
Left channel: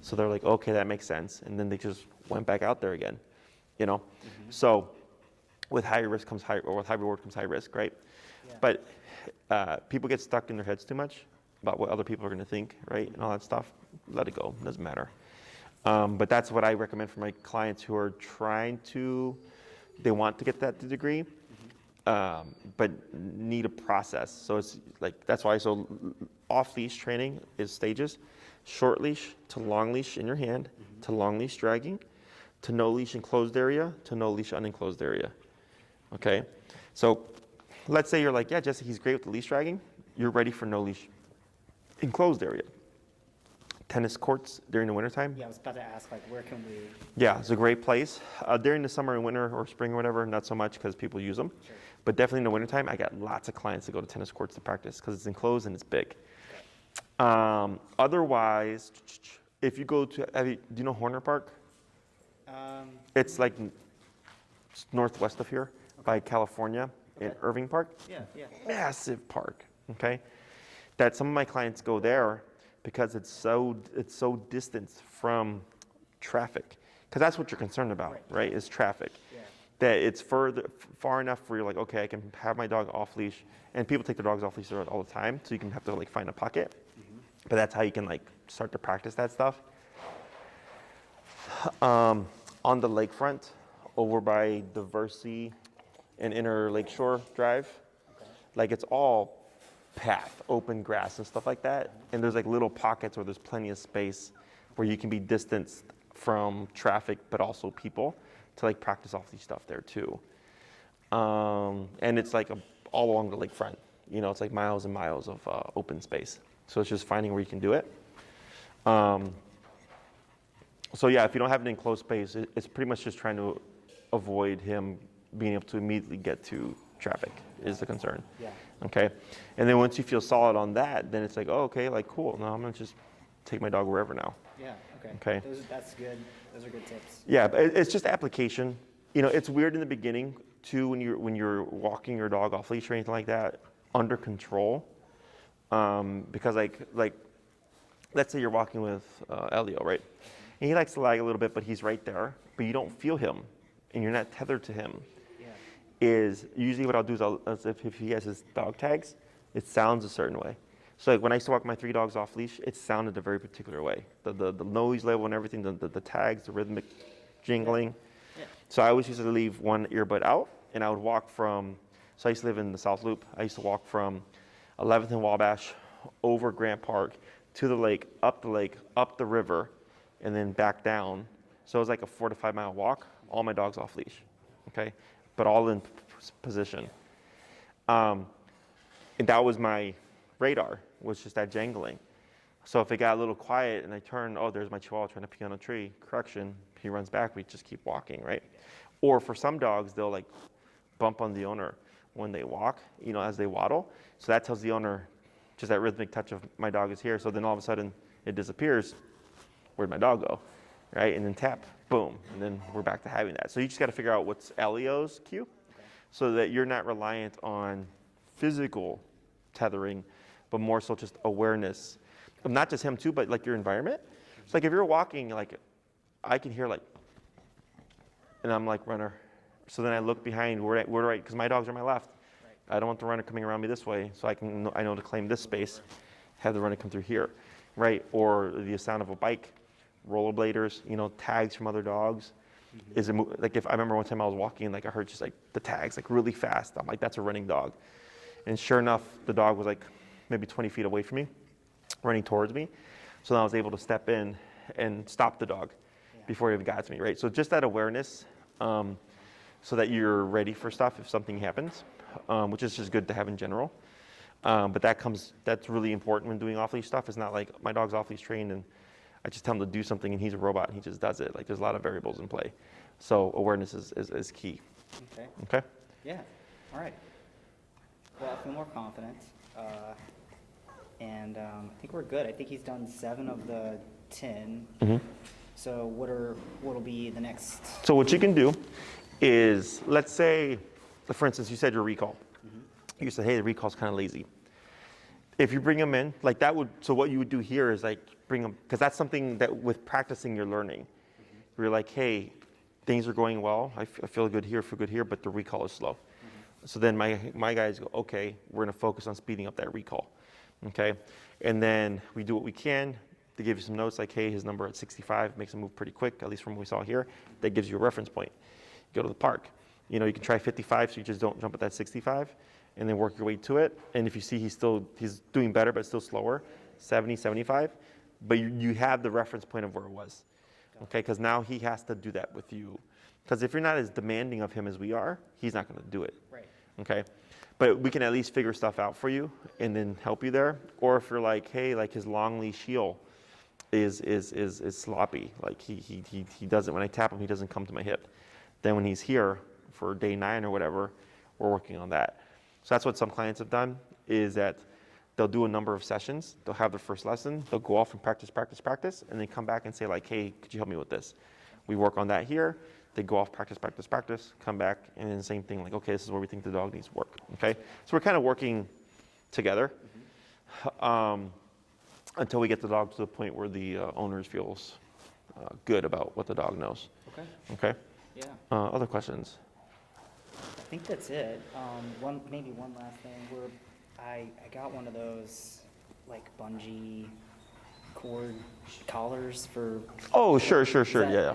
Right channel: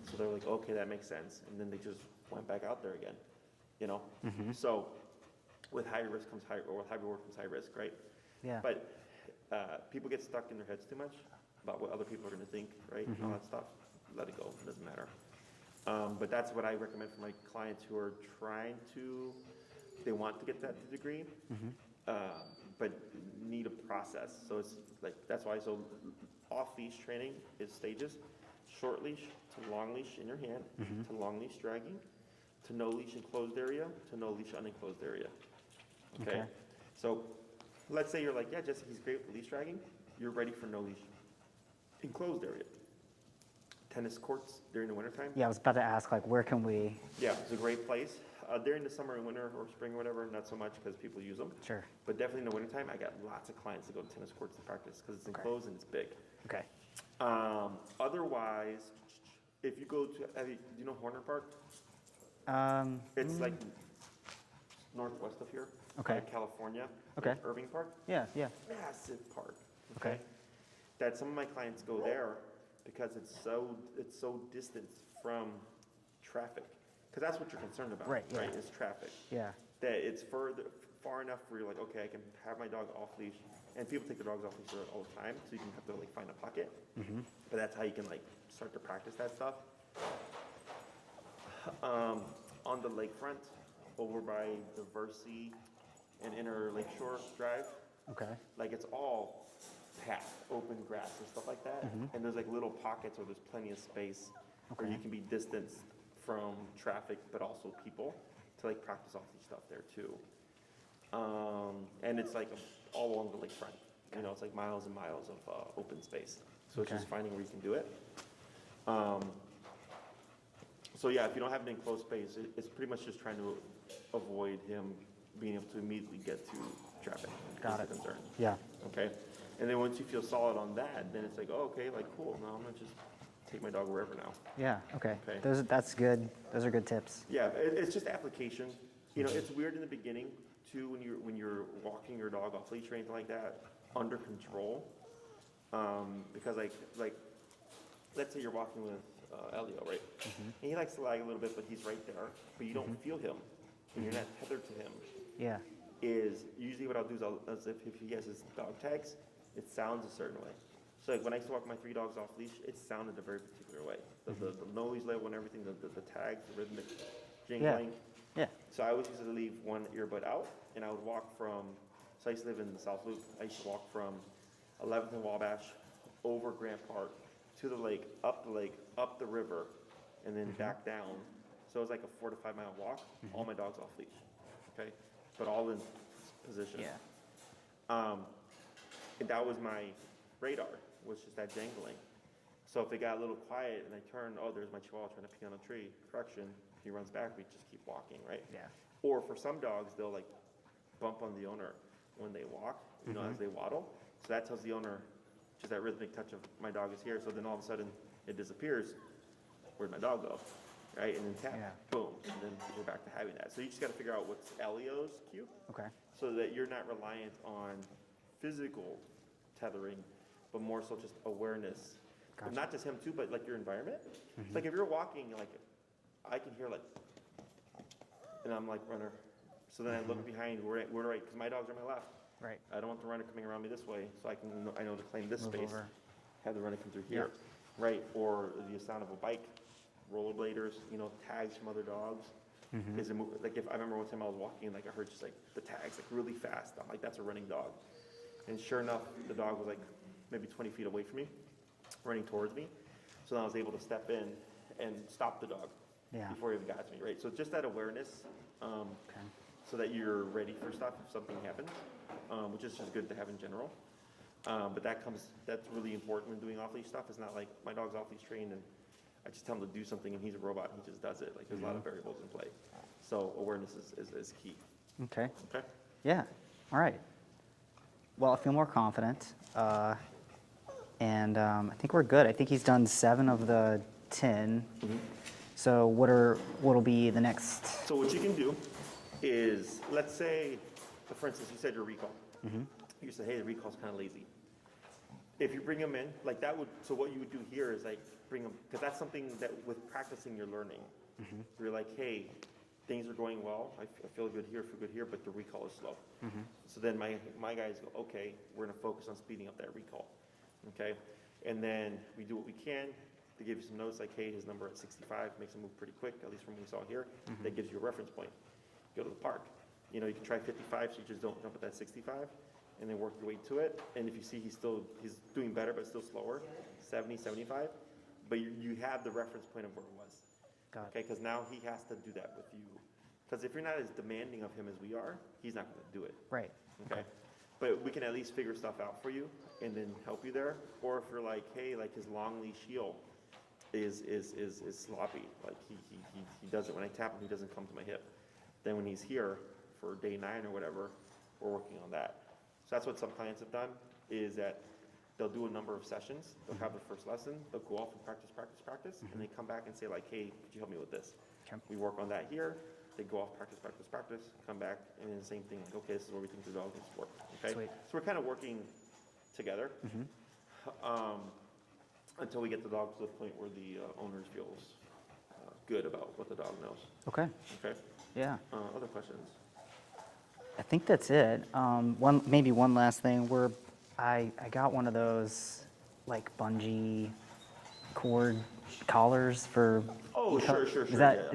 So they're like, okay, that makes sense. And then they just went back out there again, you know. So with high risk comes high, or with high reward comes high risk, right? Yeah. But people get stuck in their heads too much about what other people are going to think, right, and all that stuff. Let it go. It doesn't matter. But that's what I recommend for my clients who are they want to get that degree, but need a process. So it's like, that's why, so off-leash training is stages: short leash to long leash in your hand, to long leash dragging, to no leash enclosed area, to no leash unenclosed area. Okay? So let's say you're like, yeah, Jesse, he's great with the leash dragging. You're ready for no leash enclosed area. Tennis courts during the wintertime. Yeah, I was about to ask, like, where can we? Yeah, it's a great place. During the summer and winter or spring or whatever, not so much because people use them. Sure. But definitely in the wintertime, I got lots of clients that go to tennis courts to practice because it's enclosed and it's big. Okay. Otherwise, if you go to, do you know Horner Park? It's like northwest of here by California, in Irving Park. Yeah. Yeah. Massive park, okay? That some of my clients go there because it's so distant from traffic, because that's what you're concerned about, right? Is traffic. Yeah. That it's far enough where you're like, okay, I can have my dog off leash, and people take their dogs off leash all the time, so you can have to like find a pocket. But that's how you can like start to practice that stuff. On the lakefront, over by Diversey and Inner Lakeshore Drive, like it's all path, open grass and stuff like that. And there's like little pockets where there's plenty of space where you can be distanced from traffic, but also people to like practice off these stuff there too. And it's like all along the lakefront, you know, it's like miles and miles of open space. So it's just finding where you can do it. So yeah, if you don't have an enclosed space, it's pretty much just trying to avoid him being able to immediately get to traffic is the concern. Yeah. Okay. And then once you feel solid on that, then it's like, oh, okay, like cool. Now I'm gonna just take my dog wherever now. Yeah. Okay. Okay. That's good. Those are good tips. Yeah, but it's just application. You know, it's weird in the beginning too when you're walking your dog off leash or anything like that under control, because like let's say you're walking with Elio, right? And he likes to lag a little bit, but he's right there, but you don't feel him, and you're not tethered to him. Yeah. Is usually what I'll do is if he has his dog tags, it sounds a certain way. So like when I used to walk my 3 dogs off leash, it sounded a very particular way. The noise level and everything, the tags, the rhythmic jingling. Yeah. So I always used to leave one earbud out, and I would walk from, so I used to live in the South Loop. I used to walk from 11th and Wabash over Grant Park to the lake, up the river, and then back down. So it was like a 4 to 5 mile walk, all my dogs off leash, okay? But all in position. Yeah. And that was my radar, was just that jangling. So if it got a little quiet and I turned, oh, there's my Chihuahua trying to pee on a tree, correction, he runs back, we just keep walking, right? Yeah. Or for some dogs, they'll like bump on the owner. when they walk, you know, as they waddle. So that tells the owner, just that rhythmic touch of my dog is here. So then all of a sudden it disappears. Where'd my dog go? Right? And then tap, boom. And then we're back to having that. So you just got to figure out what's Elio's cue. Okay. So that you're not reliant on physical tethering, but more so just awareness. Gotcha. Not just him too, but like your environment. It's like if you're walking, like I can hear like, and I'm like, runner. So then I look behind, where do I, because my dogs are on my left. Right. I don't want the runner coming around me this way, so I know to claim this space, have the runner come through here, right? Or the sound of a bike, rollerbladers, you know, tags from other dogs. Is it like if I remember one time I was walking, like I heard just like the tags like really fast. I'm like, that's a running dog, and sure enough, the dog was like maybe 20 feet away from me, running towards me. So then I was able to step in and stop the dog before he even got to me, right? So just that awareness. So that you're ready for stuff if something happens, which is just good to have in general. But that's really important when doing off-leash stuff. It's not like my dog's off-leash trained and I just tell him to do something and he's a robot and he just does it. Like there's a lot of variables in play. So awareness is key. Okay. Okay? Yeah. All right. Well, I feel more confident. And I think we're good. I think he's done 7 of the 10. So what'll be the next? So what you can do is, let's say, for instance, you said your recall. You said, hey, the recall's kind of lazy. If you bring them in, like that would, so what you would do here is like bring them, because that's something that with practicing you're learning. You're like, hey, things are going well. I feel good here, but the recall is slow. So then my guys go, okay, we're going to focus on speeding up that recall. Okay. And then we do what we can to give you some notes like, hey, his number at 65 makes him move pretty quick, at least from what we saw here. That gives you a reference point. Go to the park. You know, you can try 55, so you just don't jump at that 65, and then work your way to it. And if you see he's doing better, but still slower, 70, 75, but you have the reference point of where it was. Okay, because now he has to do that with you. Because if you're not as demanding of him as we are, he's not going to do it. Right. Okay, but we can at least figure stuff out for you and then help you there. Or if you're like, hey, like his long leash heel is sloppy. Like he doesn't, when I tap him, he doesn't come to my hip. Then when he's here for day 9 or whatever, we're working on that. So that's what some clients have done, is that they'll do a number of sessions. They'll have their first lesson. They'll go off and practice, and then come back and say like, hey, could you help me with this? Okay. We work on that here. They go off, practice, come back, and then the same thing, like, okay, this is where we think the dog needs work, okay? Sweet. So we're kind of working together until we get the dog to the point where the owner feels good about what the dog knows. Okay. Okay? Yeah. Other questions? I think that's it. Maybe one last thing. I got one of those like bungee cord collars for. Oh, sure. Yeah.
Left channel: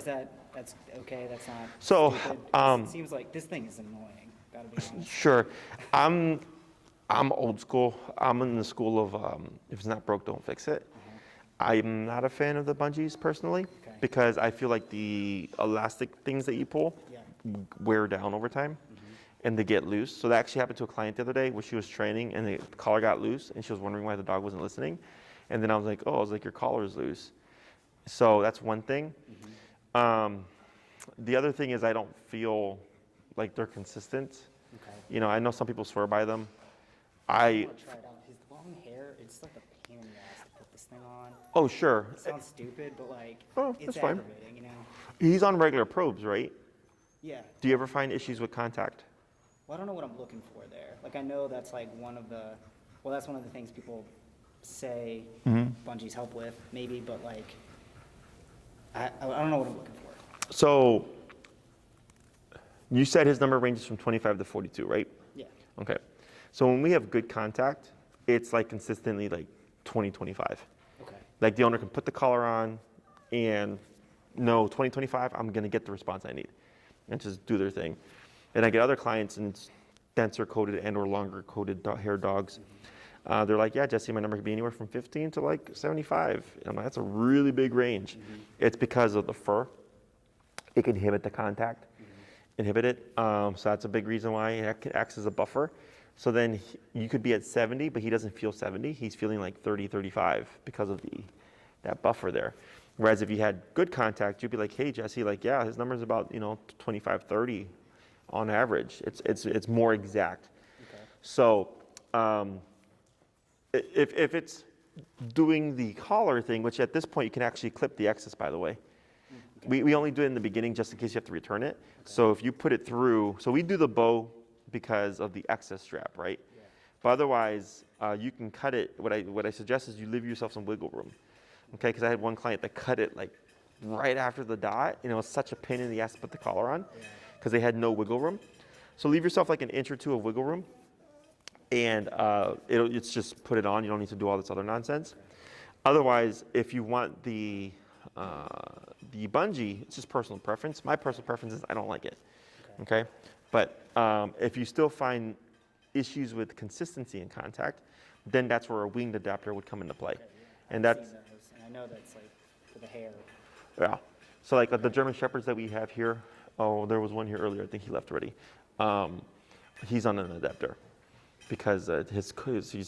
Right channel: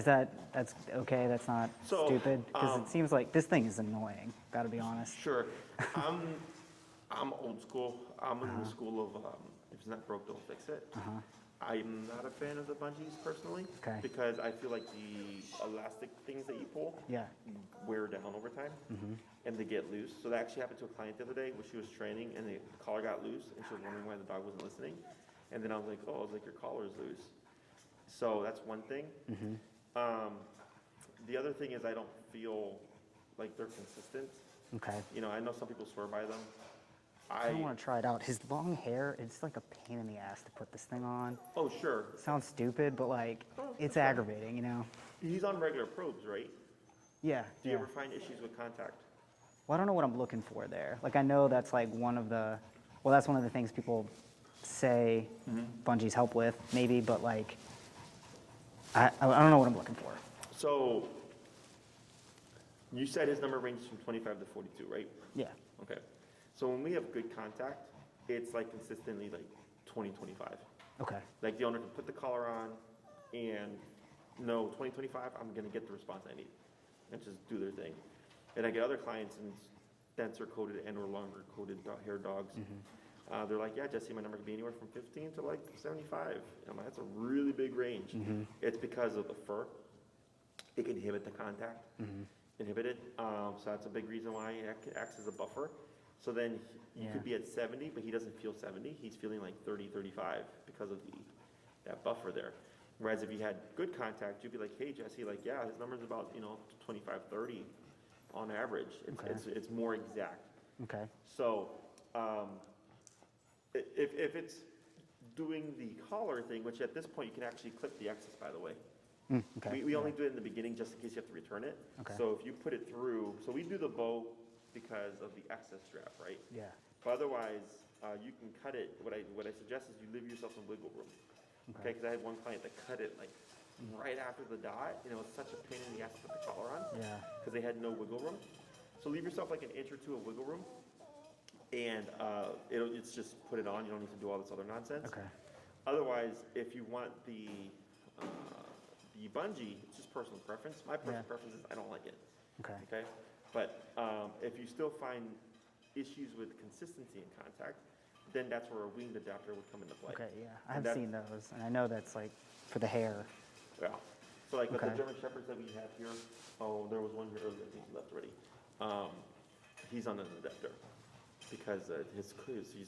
That's okay? That's not so, stupid? 'Cause it seems like this thing is annoying. Gotta be honest. Sure. I'm old school. I'm in the school of if it's not broke, don't fix it. I'm not a fan of the bungees personally, because I feel like the elastic things that you pull wear down over time and they get loose. So that actually happened to a client the other day where she was training and the collar got loose and she was wondering why the dog wasn't listening. And then I was like, your collar is loose. So that's one thing. The other thing is I don't feel like they're consistent. Okay. You know, I know some people swear by them. I want to try it out. His long hair, it's like a pain in the ass to put this thing on. Oh, sure. It sounds stupid, but like, it's fine. aggravating, you know? He's on regular probes, right? Yeah. Do you ever find issues with contact? Well, I don't know what I'm looking for there. Like, I know that's like that's one of the things people say bungees help with, maybe, but like, I don't know what I'm looking for. So, you said his number ranges from 25 to 42, right? Yeah. Okay. So when we have good contact, it's like consistently like 20, 25. Okay. Like the owner can put the collar on and no, 20, 25, I'm going to get the response I need and just do their thing. And I get other clients and denser coated and or longer coated hair dogs. They're like, yeah, Jesse, my number could be anywhere from 15 to like 75. And I'm like, that's a really big range. It's because of the fur. It can inhibit the contact, inhibit it. So that's a big reason why it acts as a buffer. So then you could be at 70, but he doesn't feel 70. He's feeling like 30, 35 because of that buffer there. Whereas if you had good contact, you'd be like, hey, Jesse, like, yeah, his number's about, 25, 30 on average. It's more exact. Okay. So if it's doing the collar thing, which at this point you can actually clip the excess, by the way. Okay. We only do it in the beginning just in case you have to return it. Okay. So if you put it through, so we do the bow because of the excess strap, right? Yeah. But otherwise, you can cut it. What I suggest is you leave yourself some wiggle room, okay? Because I had one client that cut it like right after the dot. You know, it's such a pain in the ass to put the collar on because they had no wiggle room. So leave yourself like an inch or two of wiggle room, and it's just put it on. You don't need to do all this other nonsense. Okay. Otherwise, if you want the bungee, it's just personal preference. My personal preference is I don't like it. Okay. But if you still find issues with consistency in contact, then that's where a winged adapter would come into play. Okay, yeah. And I've seen those, and I know that's like for the hair. Yeah. So like the German Shepherds that we have here, oh, there was one here earlier. I think he left already. He's on an adapter because his coat is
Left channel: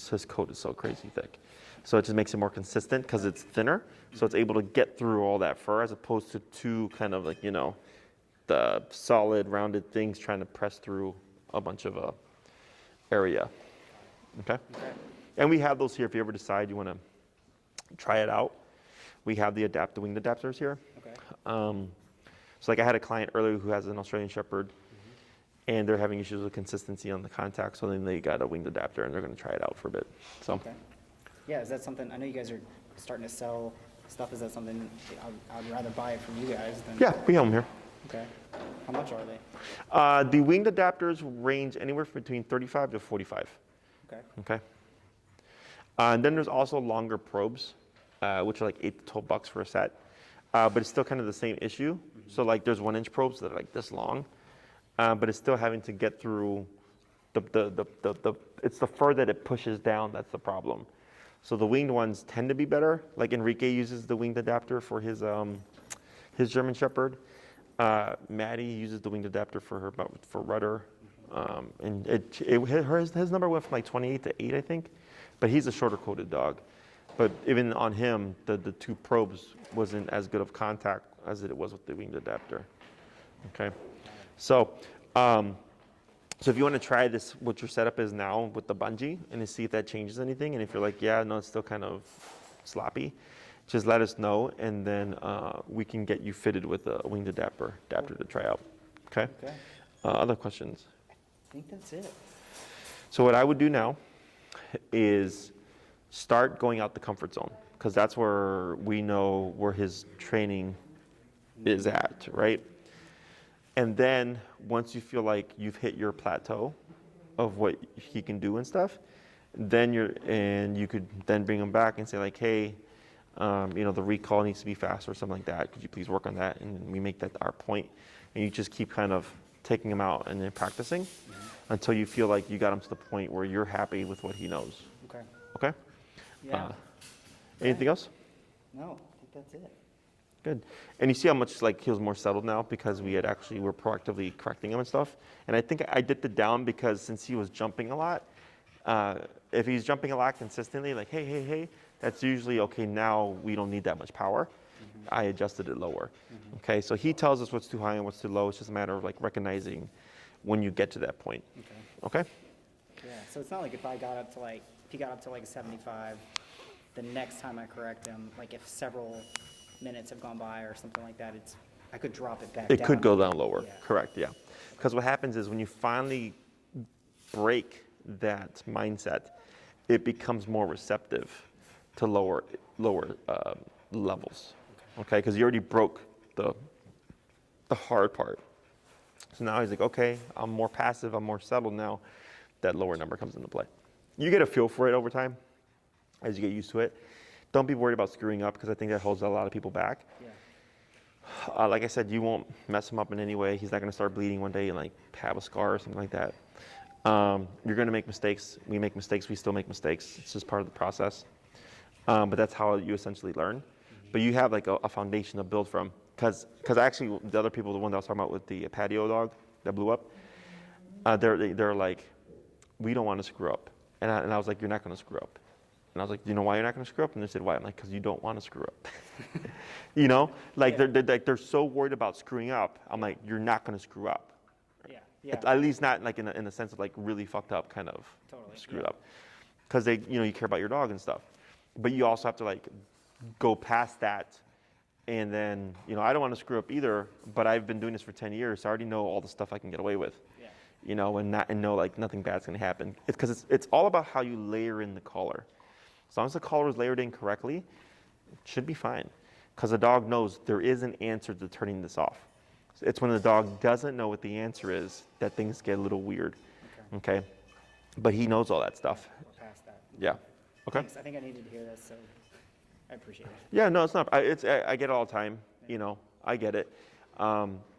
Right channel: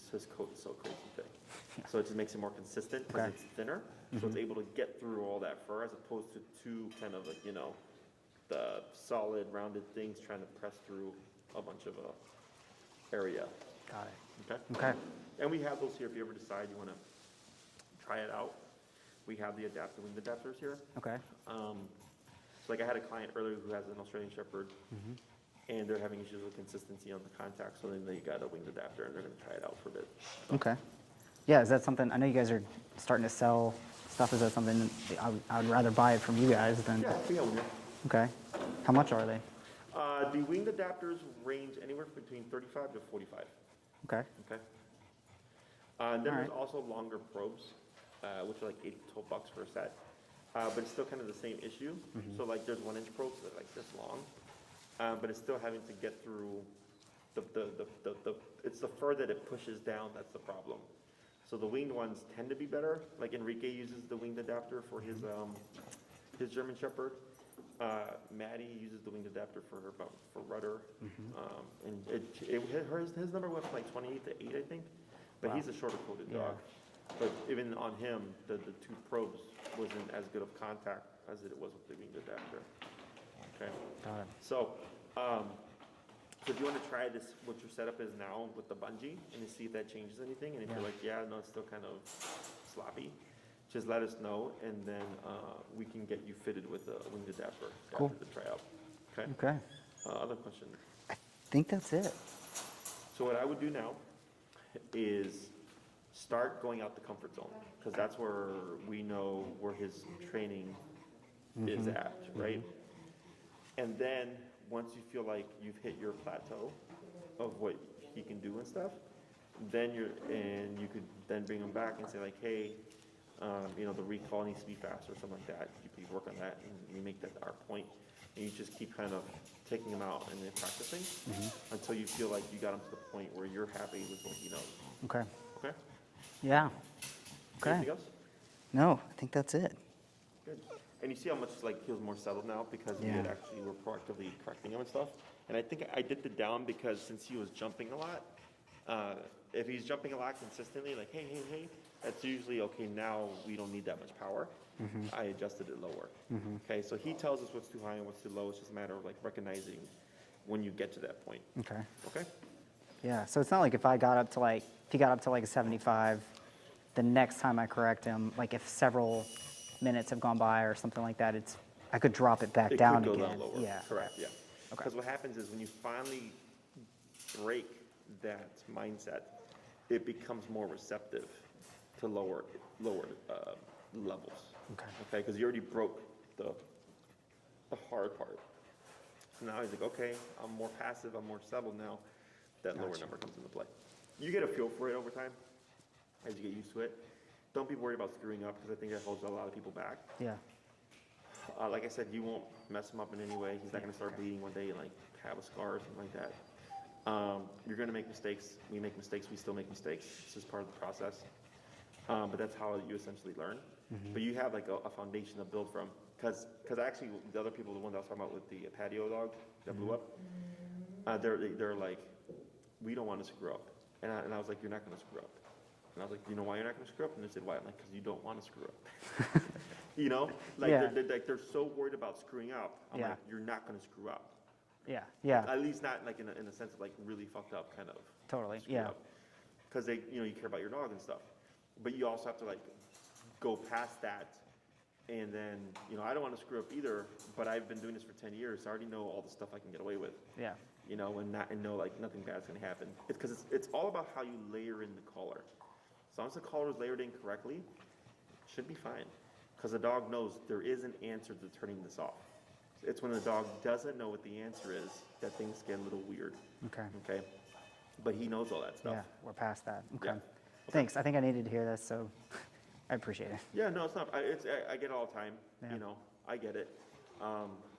so crazy thick. So it just makes it more consistent because it's thinner. So it's able to get through all that fur as opposed to two kind of like, you know, the solid rounded things trying to press through a bunch of area. Got it. Okay? Okay. And we have those here if you ever decide you want to try it out. We have the winged adapters here. Okay. So like I had a client earlier who has an Australian Shepherd and they're having issues with consistency on the contact. So then they got a winged adapter and they're going to try it out for a bit. So. Okay. Yeah, is that something, I know you guys are starting to sell stuff. Is that something I would rather buy it from you guys than? Yeah, we have them here. Okay. How much are they? The winged adapters range anywhere from between 35 to 45. Okay. Okay. And then there's also longer probes, which are like $8 to $12 for a set. But it's still kind of the same issue. So like there's 1-inch probes that are like this long, but it's still having to get through it's the fur that it pushes down that's the problem. So the winged ones tend to be better. Like Enrique uses the winged adapter for his German Shepherd. Maddie uses the winged adapter for Rudder, and his number went from like 28 to 8, I think, but he's a shorter coated dog. But even on him, the two probes wasn't as good of contact as it was with the winged adapter. Okay, so if you want to try this, what your setup is now with the bungee, and to see if that changes anything, and if you're like, yeah, no, it's still kind of sloppy, just let us know, and then we can get you fitted with a winged adapter to try out. Okay? Okay. Other questions? I think that's it. So what I would do now is start going out the comfort zone, because that's where we know where his training is at, right? And then once you feel like you've hit your plateau of what he can do and stuff, then you could then bring him back and say like, hey, you know, the recall needs to be faster or something like that. Could you please work on that? And we make that our point. And you just keep kind of taking him out and then practicing until you feel like you got him to the point where you're happy with what he knows. Okay. Okay? Yeah. Anything else? No, I think that's it. Good. And you see how much like he was more settled now because we're proactively correcting him and stuff. And I think I dipped it down because since he was jumping a lot, if he's jumping a lot consistently, like hey, that's usually okay. Now we don't need that much power. I adjusted it lower. Okay, so he tells us what's too high and what's too low. It's just a matter of like recognizing when you get to that point. Okay. Okay. Yeah. So it's not like if he got up to like a 75, the next time I correct him, like if several minutes have gone by or something like that, I could drop it back down. It could go again. down lower. Yeah. Correct. Yeah. Because what happens is when you finally break that mindset, it becomes more receptive to lower levels. Okay. Because you already broke the hard part. So now he's like, okay, I'm more passive, I'm more settled now. That lower number comes into play. You get a feel for it over time as you get used to it. Don't be worried about screwing up because I think that holds a lot of people back. Yeah. Like I said, you won't mess him up in any way. He's not going to start bleeding one day and like have a scar or something like that. You're going to make mistakes. We make mistakes. We still make mistakes. It's just part of the process. But that's how you essentially learn. But you have like a foundation to build from. Because actually the other people, the one that I was talking about with the patio dog that blew up, they're like, we don't want to screw up. And I was like, you're not going to screw up. And I was like, do you know why you're not going to screw up? And they said, why? I'm like, because you don't want to screw up. You know, like Yeah. they're so worried about screwing up. I'm like, you're not going to screw up, Yeah, yeah. At least not like in a sense of like really fucked up kind of Totally, screwed yeah. up. Because they, you care about your dog and stuff. But you also have to like go past that. And then, I don't want to screw up either, but I've been doing this for 10 years, so I already know all the stuff I can get away with. Yeah. And know like nothing bad's going to happen. It's because it's all about how you layer in the collar. As long as the collar is layered in correctly, it should be fine. Because the dog knows there is an answer to turning this off. It's when the dog doesn't know what the answer is that things get a little weird. Okay. But he knows all that stuff. Yeah, we're past that. Yeah. Okay. Thanks. I think I needed to hear this, so I appreciate it. Yeah, no, it's not. I get it all the time. I get it.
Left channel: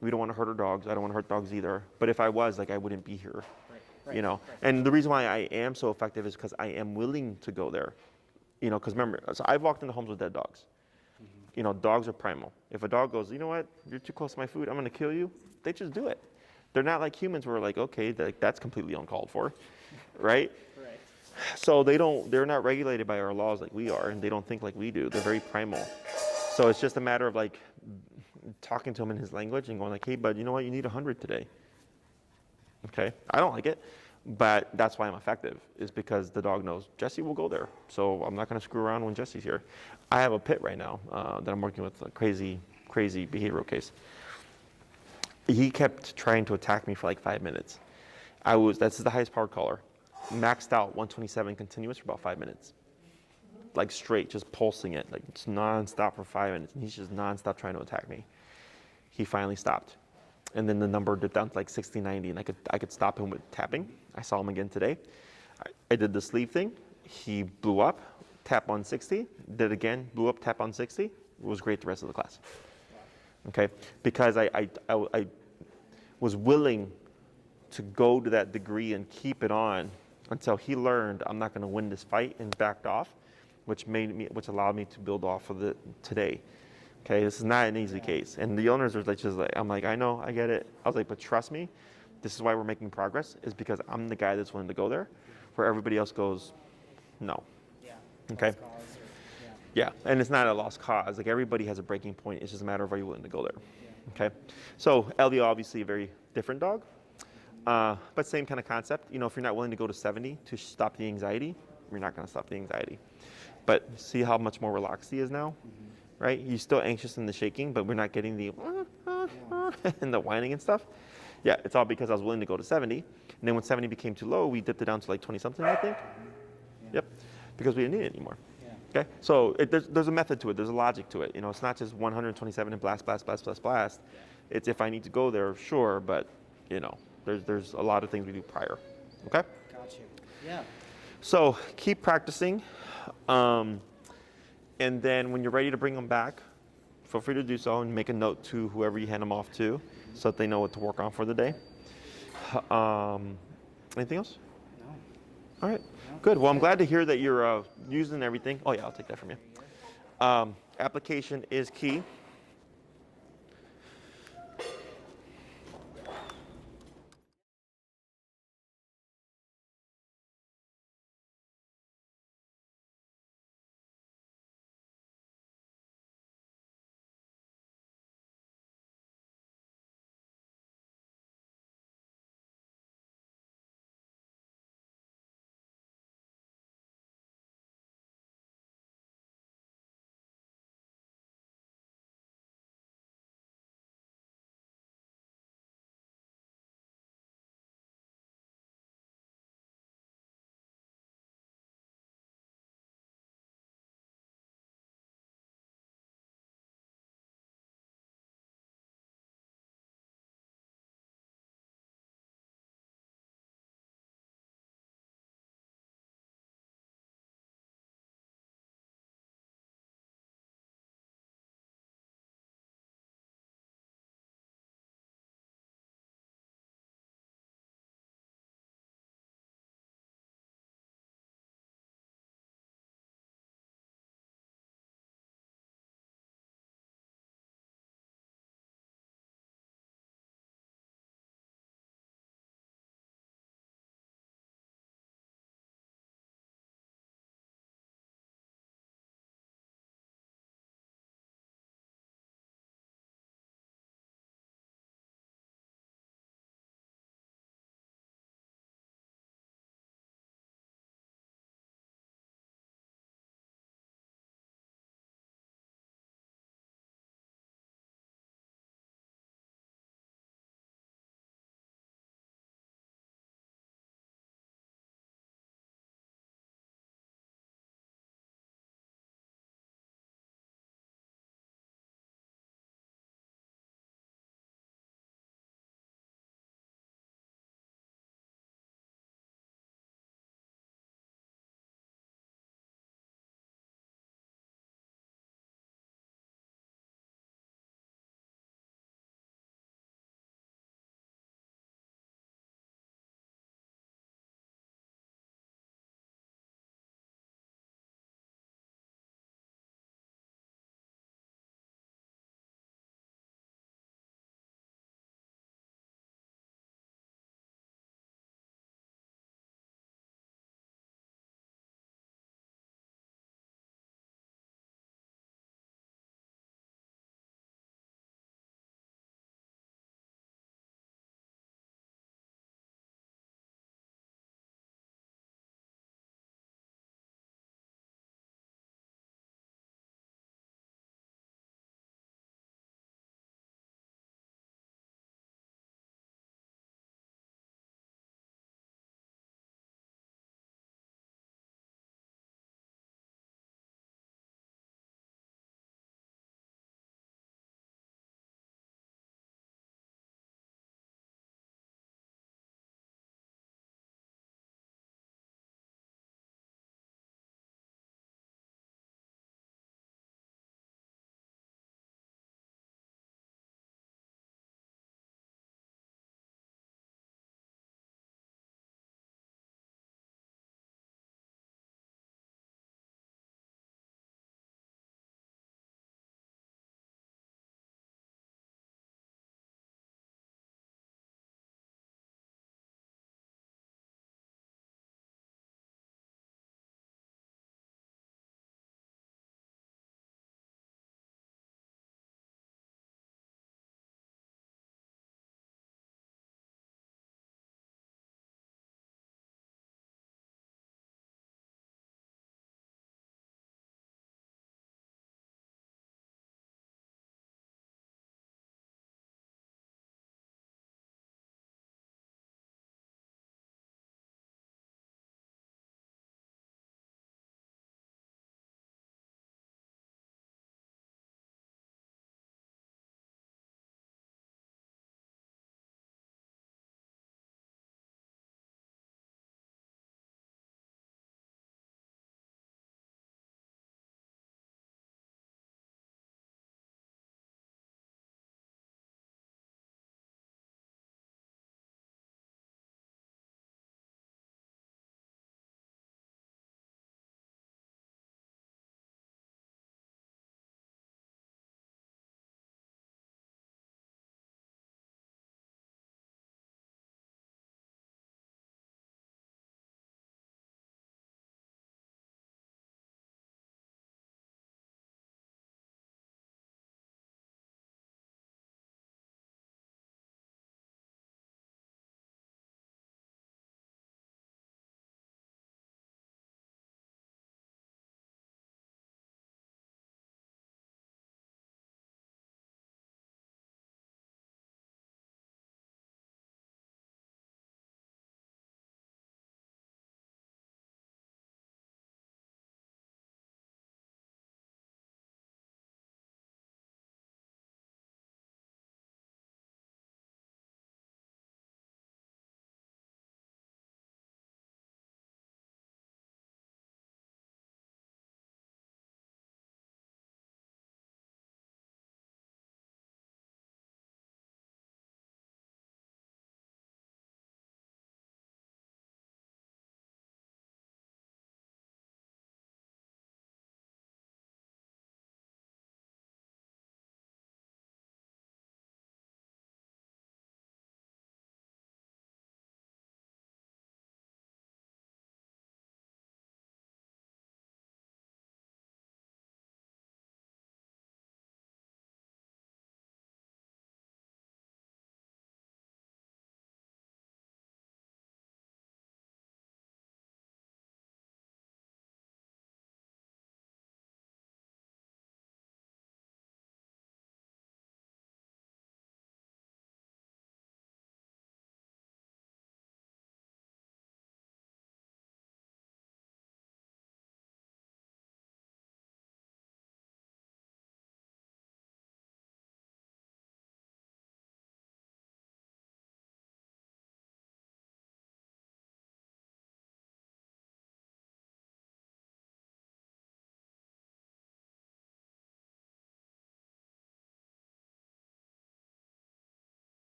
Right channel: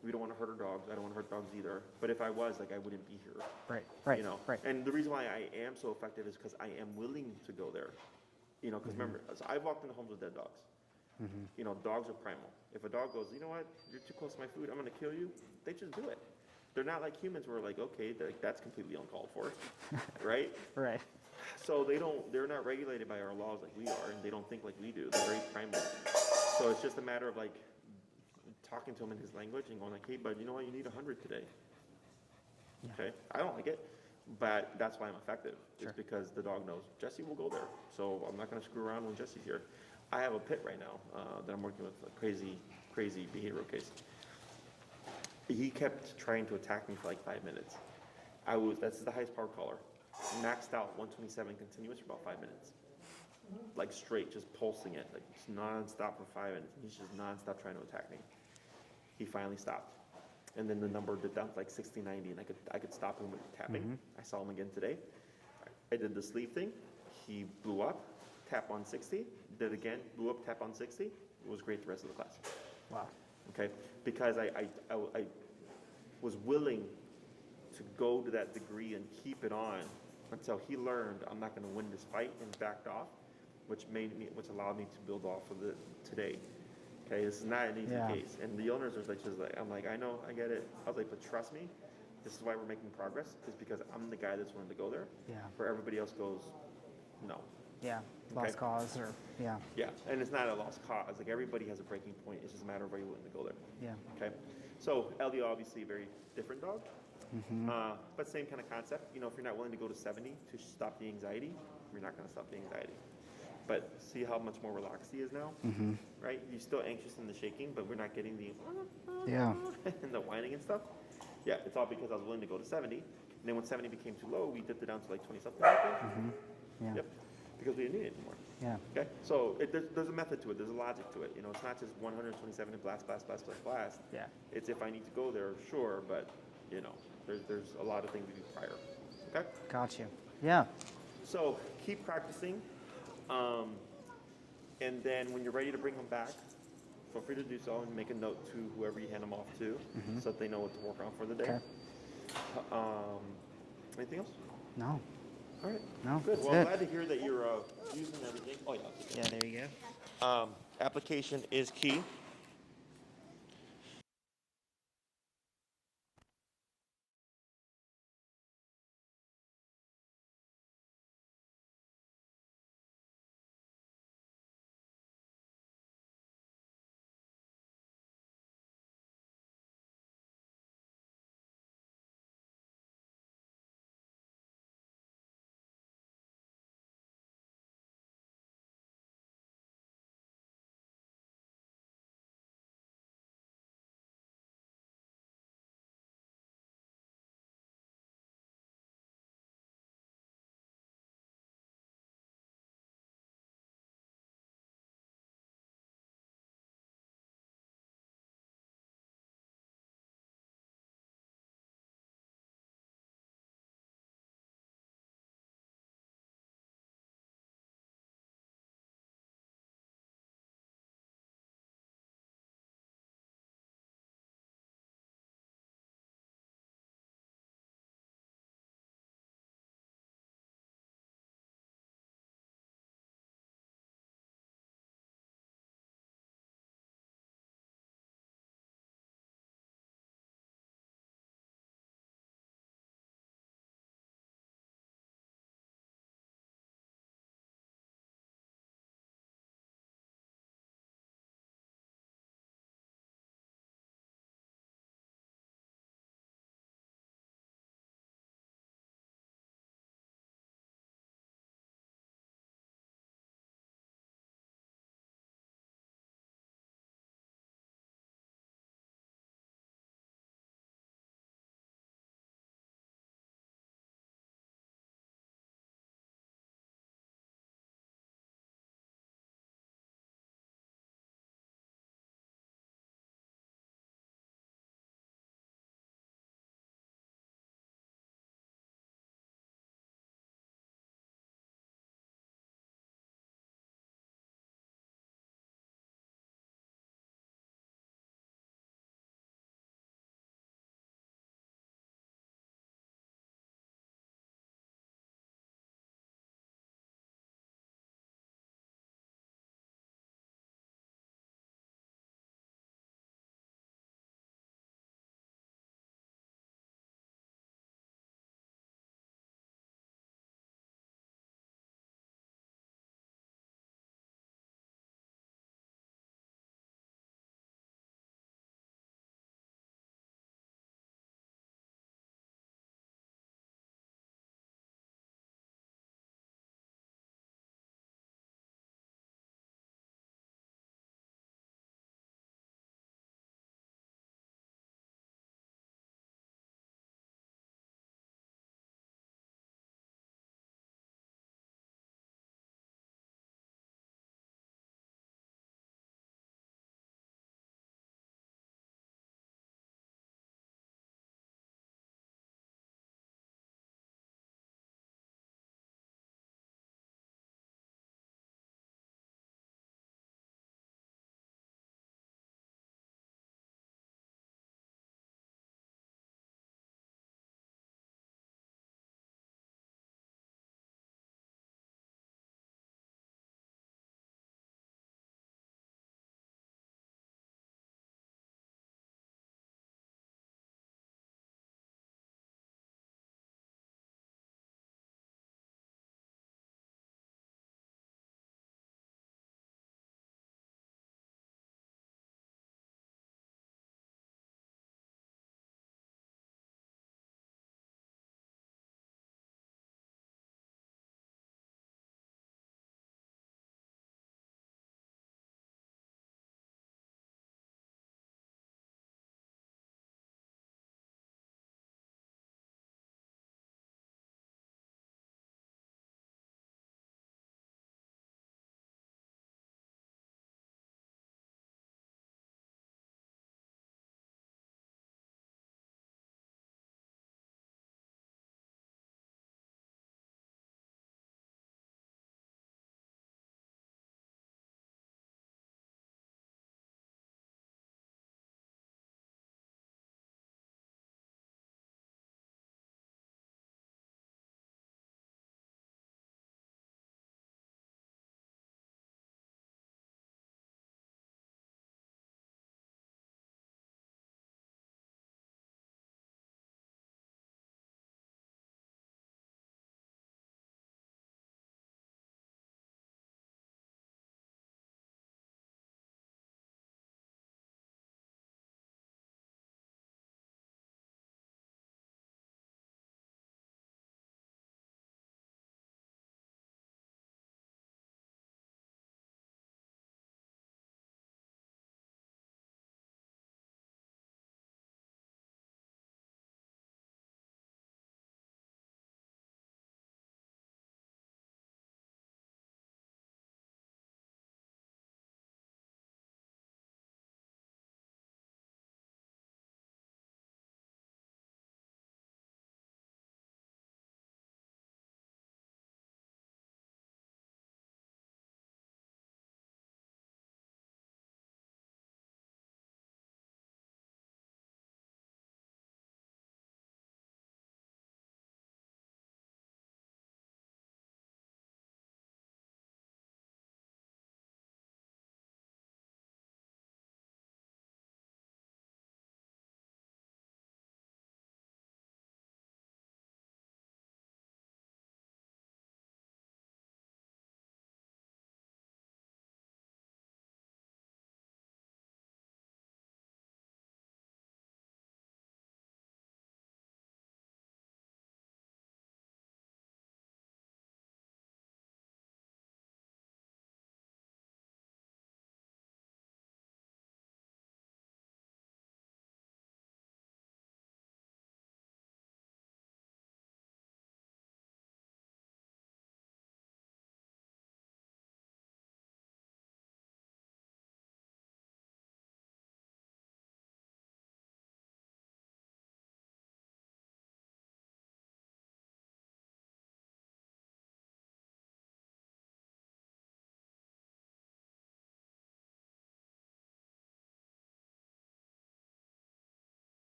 We don't want to hurt our dogs. I don't want to hurt dogs either. But if I was, like, I wouldn't be here. Right. Right. And the reason why I am so effective is because I am willing to go there. Because remember, so I've walked into homes with dead dogs. Dogs are primal. If a dog goes, you know what, you're too close to my food, I'm going to kill you, they just do it. They're not like humans where we're like, okay, that's completely uncalled for, right? Right. So they're not regulated by our laws like we are, and they don't think like we do. They're very primal. So it's just a matter of like talking to him in his language and going like, hey, bud, you know what, you need 100 today. Okay, I don't like it, but that's why I'm effective, is because the dog knows Jesse will go there. So I'm not going to screw around when Jesse's here. I have a pit right now that I'm working with, a crazy behavioral case. He kept trying to attack me for like 5 minutes. That's the highest powered collar. Maxed out 127 continuous for about 5 minutes. Like straight, just pulsing it, like it's nonstop for 5 minutes. And he's just nonstop trying to attack me. He finally stopped. And then the number dipped down to like 60, 90, and I could stop him with tapping. I saw him again today. I did the sleeve thing. He blew up, tap on 60, did it again, blew up, tap on 60. It was great the rest of the class. Wow. Okay, because I was willing to go to that degree and keep it on until he learned I'm not going to win this fight and backed off, which allowed me to build off of it today. Okay, this is not an easy case, and the owners are like I'm like, I know, I get it. I was like, but trust me, this is why we're making progress, is because I'm the guy that's willing to go there, where everybody else goes, no. Yeah. Okay. Lost cause or Yeah, and it's not a lost cause. Like everybody has a breaking point. It's just a matter of are you willing to go there. Yeah. Okay. So Elio, obviously a very different dog, but same kind of concept. If you're not willing to go to 70 to stop the anxiety, you're not going to stop the anxiety. But see how much more relaxed he is now, right? He's still anxious in the shaking, but we're not getting the and the whining and stuff. Yeah, it's all because I was willing to go to 70, and then when 70 became too low, we dipped it down to like 20 something, I think. Yeah. Yep. Because we didn't need it anymore. Yeah. Okay. So there's a method to it. There's a logic to it. It's not just 127 and blast. Yeah. It's if I need to go there, sure, but there's a lot of things we do prior. Okay. Got you. Yeah. So keep practicing, and then when you're ready to bring them back, feel free to do so and make a note to whoever you hand them off to, so that they know what to work on for the day. Okay. Anything else? No. All right. No, Good. Well, I'm that's glad to hear that you're using everything. Oh yeah, I'll take that. Yeah, there you go. Application is key.